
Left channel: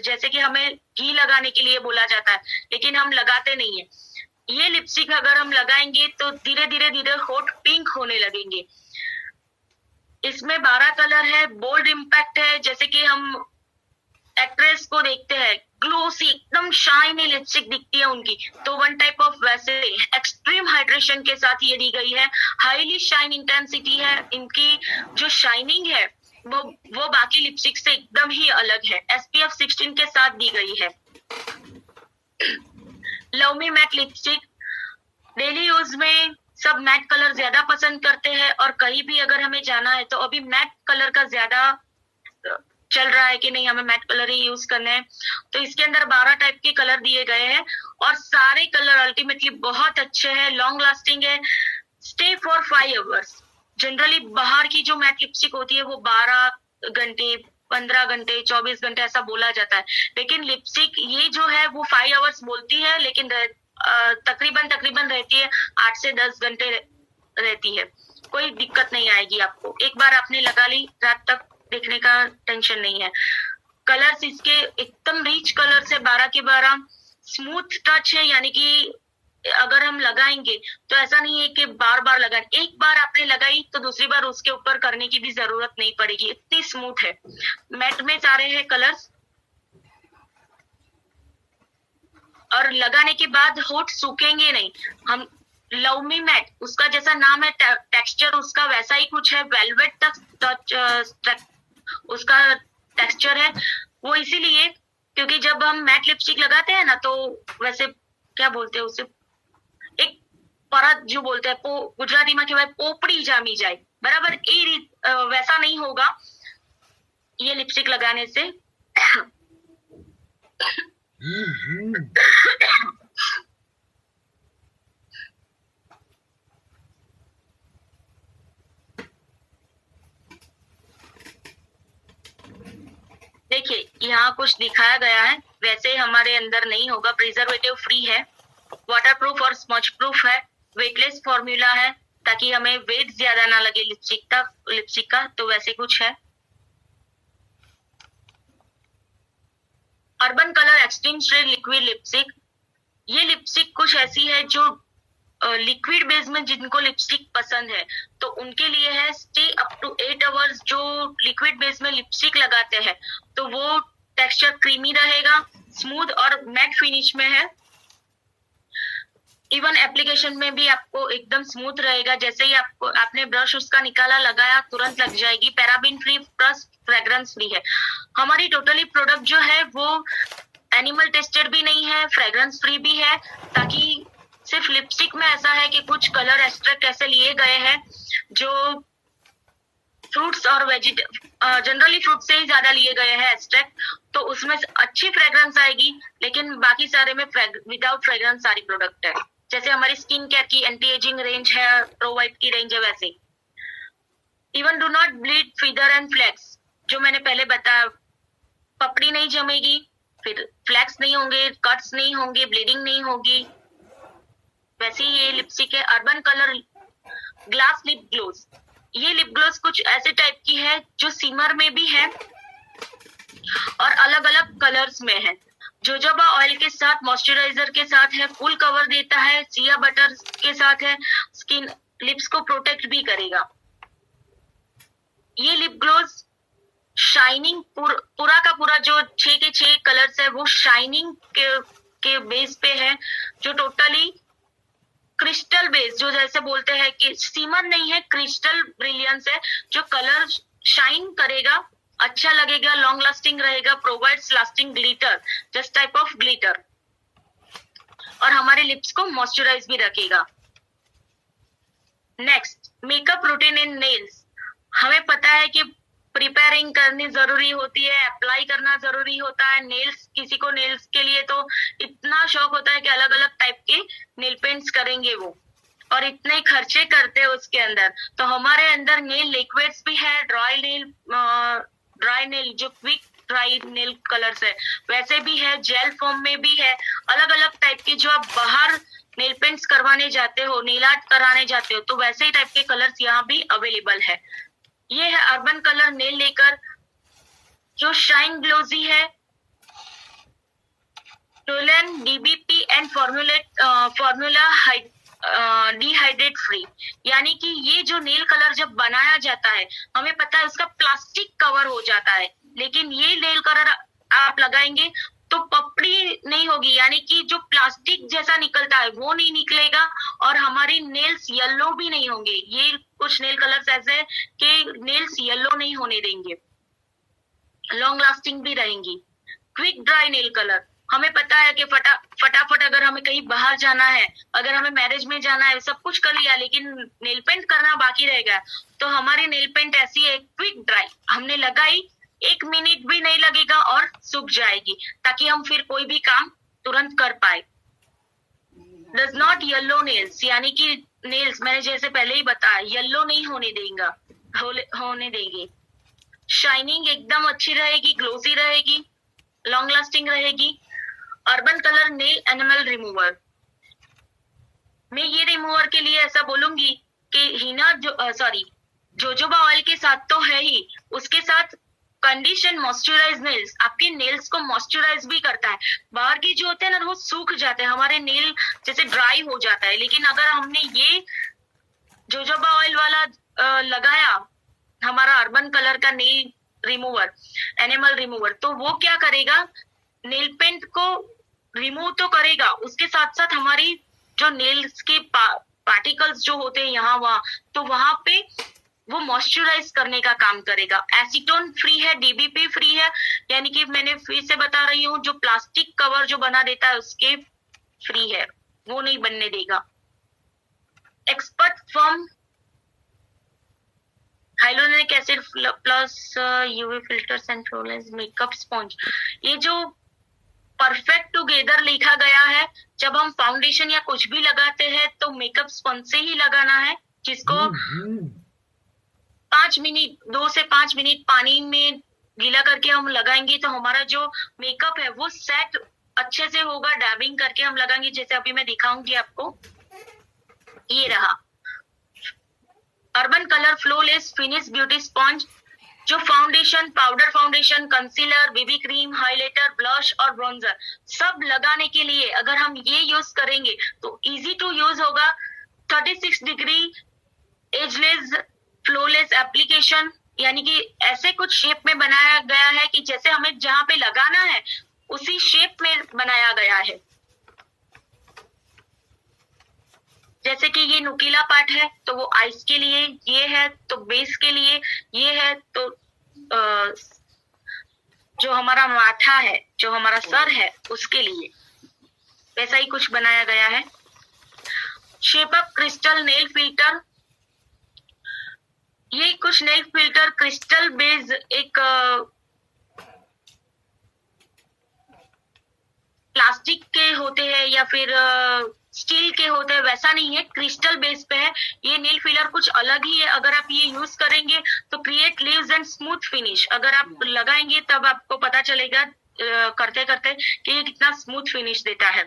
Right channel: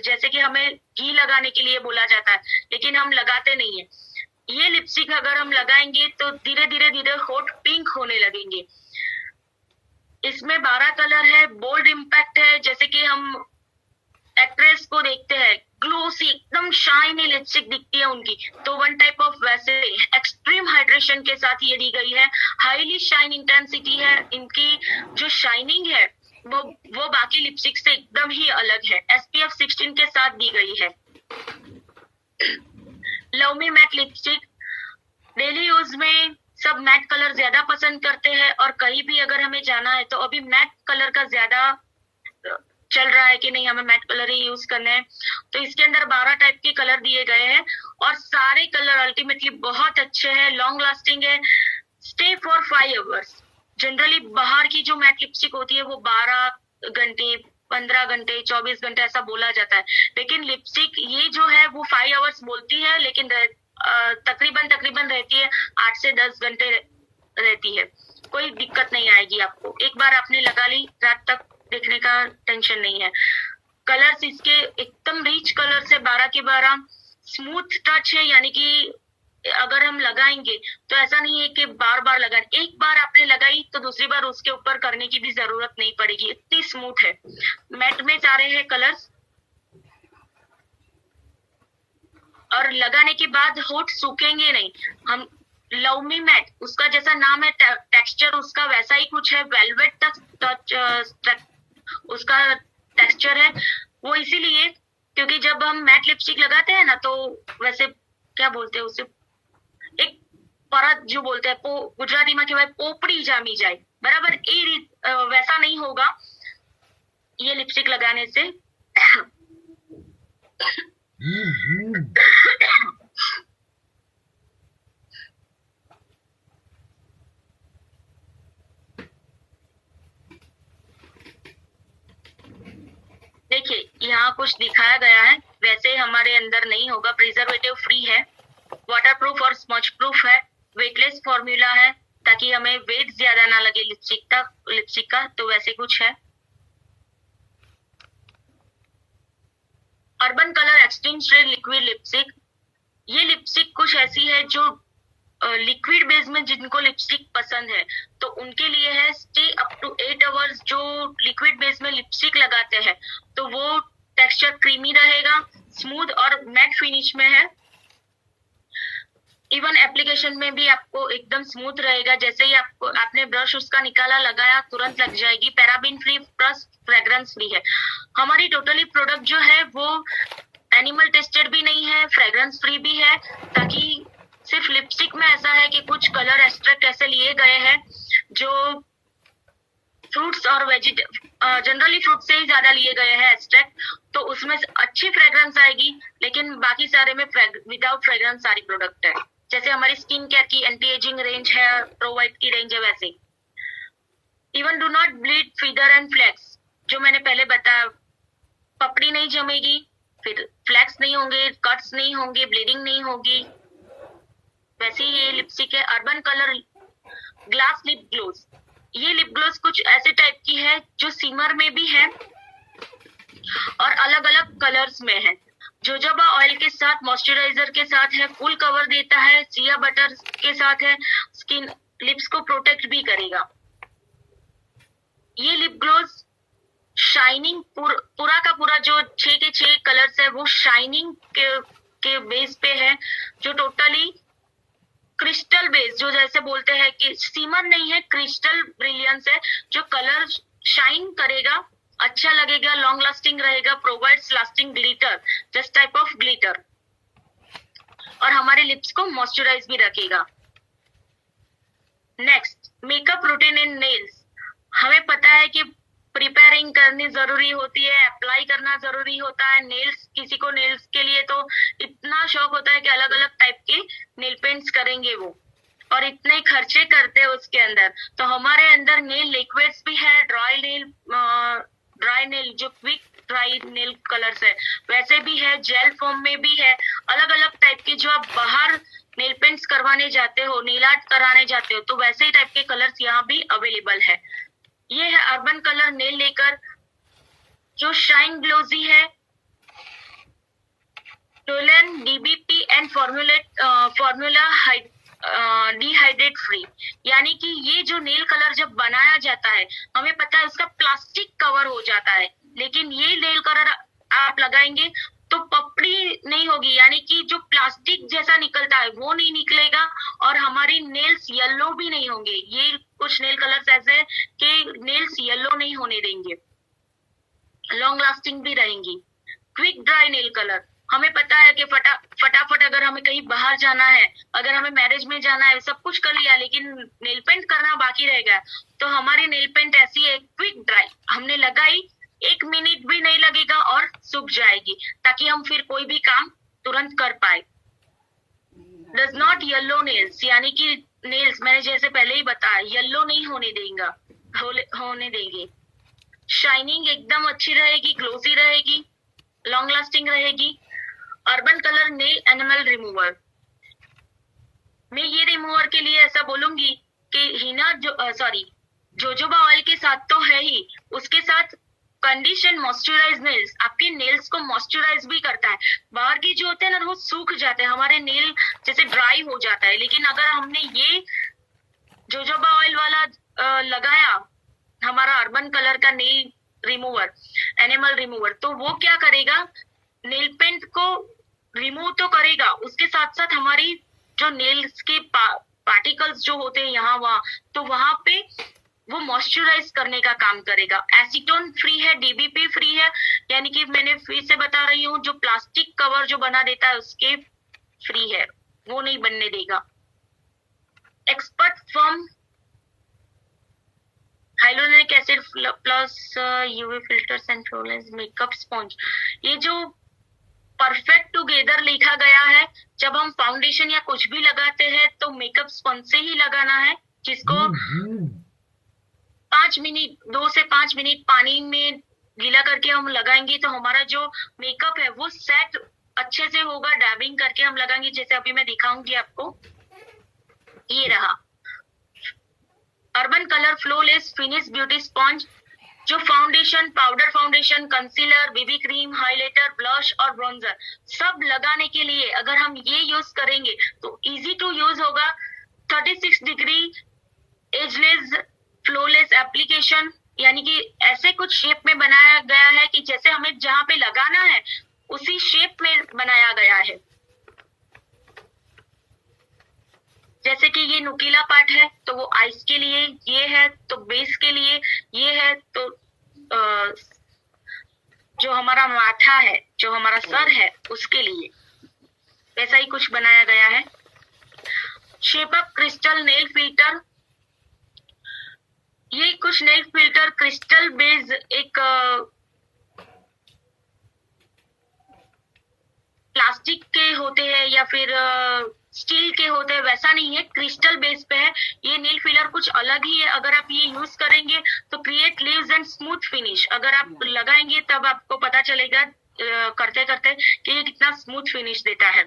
जैसे कि हमें घी लगाने के लिए बोला जाता है, लेकिन हम लगाते नहीं है, ये लिपस्टिक अगर हम लगाएंगे तो धीरे धीरे धीरे होठ पिंक होने लगेंगे। इसमें 12 कलर है, बोल्ड इम्पैक्ट है, जैसे कि हम एक्ट्रेस को देखते हैं ग्लोसी एकदम शाइनी लिपस्टिक दिखती है उनकी, तो वन टाइप ऑफ वैसे एक्सट्रीम हाइड्रेशन के साथ ये दी गई है। हाईली शाइन इंटेंसिटी है इनकी, जो शाइनिंग है वो बाकी लिपस्टिक से एकदम ही अलग है। SPF 16 के साथ दी गई है। Love me matte lipstick, daily use में सब मैट कलर ज्यादा पसंद करते हैं, और कहीं भी अगर हमें जाना है तो अभी मैट कलर का ज्यादा चल रहा है कि नहीं, हमें मैट कलर ही यूज करना है। तो इसके अंदर 12 टाइप के कलर दिए गए हैं, और सारे कलर अल्टीमेटली बहुत अच्छे हैं, लॉन्ग लास्टिंग है, स्टे फॉर 5 आवर्स। जनरली बाहर की जो मैट लिपस्टिक होती है वो 12 घंटे 15 घंटे 24 घंटे ऐसा बोला जाता है, लेकिन लिपस्टिक ये जो है वो 5 आवर्स बोलती है, लेकिन तकरीबन रहती है 8 से 10 घंटे रहती है। कोई दिक्कत नहीं आएगी आपको, एक बार आपने लगा ली रात तक देखने का टेंशन नहीं है। कलर्स इसके एकदम रिच कलर्स है, 12 के 12, स्मूथ टच है, यानी कि अगर हम लगाएंगे तो ऐसा नहीं है कि बार बार लगाएं, एक बार आपने लगाई तो दूसरी बार उसके ऊपर करने की भी जरूरत नहीं पड़ेगी, इतनी स्मूथ है। मैट में सारे हैं कलर्स, और लगाने के बाद होठ सूखेंगे नहीं। हम लव मी मैट, उसका जैसा नाम है, टेक्सचर उसका वैसा ही कुछ है, वेलवेट तक उसका टेक्सचर है। वो इसीलिए क्योंकि जब हम मैट लिपस्टिक लगाते हैं ना, तो वैसे क्या बोलते हैं उसे, एक परत जो बोलते हैं, गुजराती में कहवाय पोपड़ी जामी जाए, बराबर वैसा नहीं होगा ये लिपस्टिक लगाने से। देखिए यहाँ कुछ दिखाया गया है, वैसे हमारे अंदर नहीं होगा, प्रिजर्वेटिव फ्री है, वाटरप्रूफ और स्मच प्रूफ है, वेटलेस फॉर्मूला है ताकि हमें वेट ज्यादा ना लगे लिपस्टिक का, तो वैसे कुछ है। Urban Color extreme shade liquid lipstick, ये लिपस्टिक कुछ ऐसी है जो लिक्विड बेस में जिनको लिपस्टिक पसंद है तो उनके लिए है। स्टे अप टू 8 आवर्स, जो लिक्विड बेस में लिपस्टिक लगाते हैं तो वो टेक्सचर क्रीमी रहेगा, स्मूथ और मैट फिनिश में है। इवन एप्लीकेशन में भी आपको एकदम स्मूथ रहेगा, जैसे ही आपने ब्रश उसका निकाला लगाया तुरंत लग जाएगी। Paraben free plus fragrance free है। हमारी टोटली प्रोडक्ट जो है वो एनिमल टेस्टेड भी नहीं है, फ्रेग्रेंस फ्री भी है, ताकि सिर्फ लिपस्टिक में ऐसा है कि कुछ कलर एक्सट्रैक्ट ऐसे लिए गए हैं जो फ्रूट्स और जनरली फ्रूट से ही ज्यादा लिए गए हैं एक्सट्रैक्ट, तो उसमें अच्छी फ्रेग्रेंस आएगी, लेकिन बाकी सारे में विदाउट फ्रेग्रेंस सारी प्रोडक्ट है। जैसे हमारी स्किन केयर की एंटी एजिंग रेंज है, प्रो वाइट की रेंज है, वैसे even do not bleed feather and flakes, जो मैंने पहले बताया, पपड़ी नहीं जमेगी, फिर फ्लैक्स नहीं होंगे, कट्स नहीं होंगे, ब्लीडिंग नहीं होगी, वैसे ये लिपस्टिक है। Urban Color glass lip gloss, ये लिप ग्लोस कुछ ऐसे टाइप की है जो सिमर में भी है और अलग अलग कलर्स में है। जोजोबा ऑयल के साथ, मॉइस्चराइजर के साथ है, फुल कवर देता है, सिया बटर के साथ है, स्किन लिप्स को प्रोटेक्ट भी करेगा। ये लिप ग्लोस शाइनिंग पूरा का पूरा जो 6 के 6 कलर्स है वो शाइनिंग के बेस पे है, जो टोटली क्रिस्टल बेस, जो जैसे बोलते हैं कि सीमर नहीं है, क्रिस्टल ब्रिलियंस है, जो कलर शाइन करेगा, अच्छा लगेगा, लॉन्ग लास्टिंग रहेगा, provides lasting glitter, just type of glitter, और हमारे लिप्स को मॉइस्चराइज भी रखेगा। नेक्स्ट, मेकअप रूटीन इन नेल्स। हमें पता है कि प्रिपेयरिंग करनी जरूरी होती है, अप्लाई करना जरूरी होता है। नेल्स, किसी को नेल्स के लिए तो इतना शौक होता है कि अलग अलग टाइप के नेल पेंट्स करेंगे वो, और इतने खर्चे करते हैं उसके अंदर। तो हमारे अंदर नेल लिक्विड्स भी है, ड्राई नेल जो क्विक ड्राई नेल कलर्स है वैसे भी है, जेल फॉर्म में भी है, अलग अलग टाइप के। जो आप बाहर नेल पेंट्स करवाने जाते हो, नेल आर्ट कराने जाते हो, तो वैसे ही टाइप के कलर्स यहाँ भी अवेलेबल है। ये है अर्बन कलर नेल लेकर, जो शाइन ग्लोजी है, Tollens DBP and formula dehydrate free. यानी कि ये जो नेल कलर जब बनाया जाता है, हमें पता है उसका प्लास्टिक कवर हो जाता है, लेकिन ये नेल कलर आप लगाएंगे तो पपड़ी नहीं होगी, यानी कि जो प्लास्टिक जैसा निकलता है वो नहीं निकलेगा, और हमारी नेल्स येलो भी नहीं होंगे। ये कुछ नेल कलर्स ऐसे हैं कि नेल्स येलो नहीं होने देंगे, लॉन्ग लास्टिंग भी रहेंगी। क्विक ड्राई नेल कलर, हमें पता है कि फटाफट अगर हमें कहीं बाहर जाना है, अगर हमें मैरिज में जाना है, सब कुछ कर लिया लेकिन नेल पेंट करना बाकी रहेगा, तो हमारी नेल पेंट ऐसी है क्विक ड्राई, हमने लगाई 1 मिनट भी नहीं लगेगा और सूख जाएगी, ताकि हम फिर कोई भी काम तुरंत कर पाए। डज नॉट येलो नेल्स, यानी कि नेल्स मैंने जैसे पहले ही बताया येलो नहीं होने देंगे। शाइनिंग एकदम अच्छी रहेगी, ग्लोसी रहेगी, लॉन्ग लास्टिंग रहेगी। Urban colour nail animal remover, मैं ये रिमूवर के लिए ऐसा बोलूंगी कि हिना जोजोबा ऑयल के साथ तो है ही, उसके साथ कंडीशन मॉइस्चराइज नेल्स आपके नेल्स को मॉइस्चराइज भी करता है। बाहर की जो होते हैं ना वो सूख जाते हैं, हमारे नेल जैसे ड्राई हो जाता है, लेकिन अगर हमने ये जोजोबा ऑयल वाला लगाया, हमारा अर्बन कलर का नेल रिमूवर, एनिमल रिमूवर, तो वो क्या करेगा, नेल पेंट को रिमूव तो करेगा, उसके साथ साथ हमारी जो नेल्स के पार्टिकल्स जो होते हैं यहाँ वहां, तो वहां पे वो मॉइस्चराइज करने का काम करेगा। एसीटोन फ्री है, डीबीपी फ्री है, यानी कि मैंने फिर से बता रही हूँ, जो प्लास्टिक कवर जो बना देता है उसके फ्री है, वो नहीं बनने देगा। Expert form hyaluronic acid plus UV filters and flawless makeup sponge, ये जो परफेक्ट टुगेदर लिखा गया है, जब हम फाउंडेशन या कुछ भी लगाते हैं तो मेकअप स्पंज से ही लगाना है, जिसको 2 से 5 मिनट पानी में गीला करके हम लगाएंगे, तो हमारा जो मेकअप है वो सेट अच्छे से होगा। डैबिंग करके हम लगाएंगे, जैसे अभी मैं दिखाऊंगी आपको, ये रहा urban colour flawless finish beauty sponge, जो foundation, powder foundation, concealer, baby cream, highlighter, blush और ब्रॉन्जर सब लगाने के लिए अगर हम ये यूज करेंगे तो इजी टू यूज होगा। 36 डिग्री एजलेस फ्लोलेस एप्लीकेशन, यानी कि ऐसे कुछ शेप में बनाया गया है कि जैसे हमें जहां पे लगाना है उसी शेप में बनाया गया है। जैसे कि ये नुकीला पार्ट है तो वो आइस के लिए, ये है तो बेस के लिए, ये है तो जो हमारा माथा है, जो हमारा सर है उसके लिए, वैसा ही कुछ बनाया गया है। Shape up crystal nail filter, ये कुछ नेल फिल्टर क्रिस्टल बेस्ड एक प्लास्टिक के होते हैं या फिर स्टील के होते हैं, वैसा नहीं है, क्रिस्टल बेस पे है। ये नेल फिलर कुछ अलग ही है, अगर आप ये यूज करेंगे तो create leaves and smooth finish, अगर आप लगाएंगे तब आपको पता चलेगा करते करते कि ये कितना स्मूथ फिनिश देता है।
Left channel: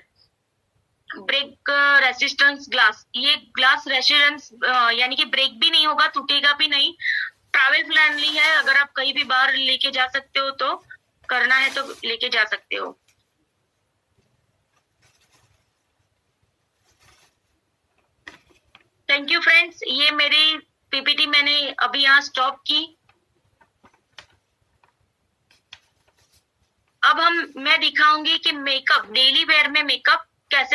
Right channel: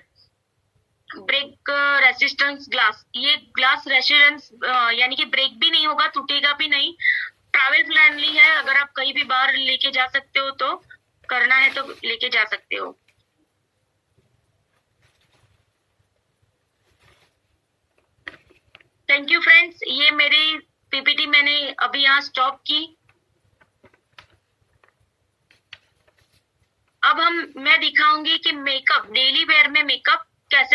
ब्रेक रेसिस्टेंस ग्लास, ये ग्लास रेसिस्टेंस यानी कि ब्रेक भी नहीं होगा, टूटेगा भी नहीं, ट्रैवल फ्रेंडली है, अगर आप कहीं भी बाहर लेके जा सकते हो, तो करना है तो लेके जा सकते हो। थैंक यू फ्रेंड्स, ये मेरी पीपीटी मैंने अभी यहाँ स्टॉप की। अब मैं दिखाऊंगी कि मेकअप, डेली वेयर में मेकअप कैसे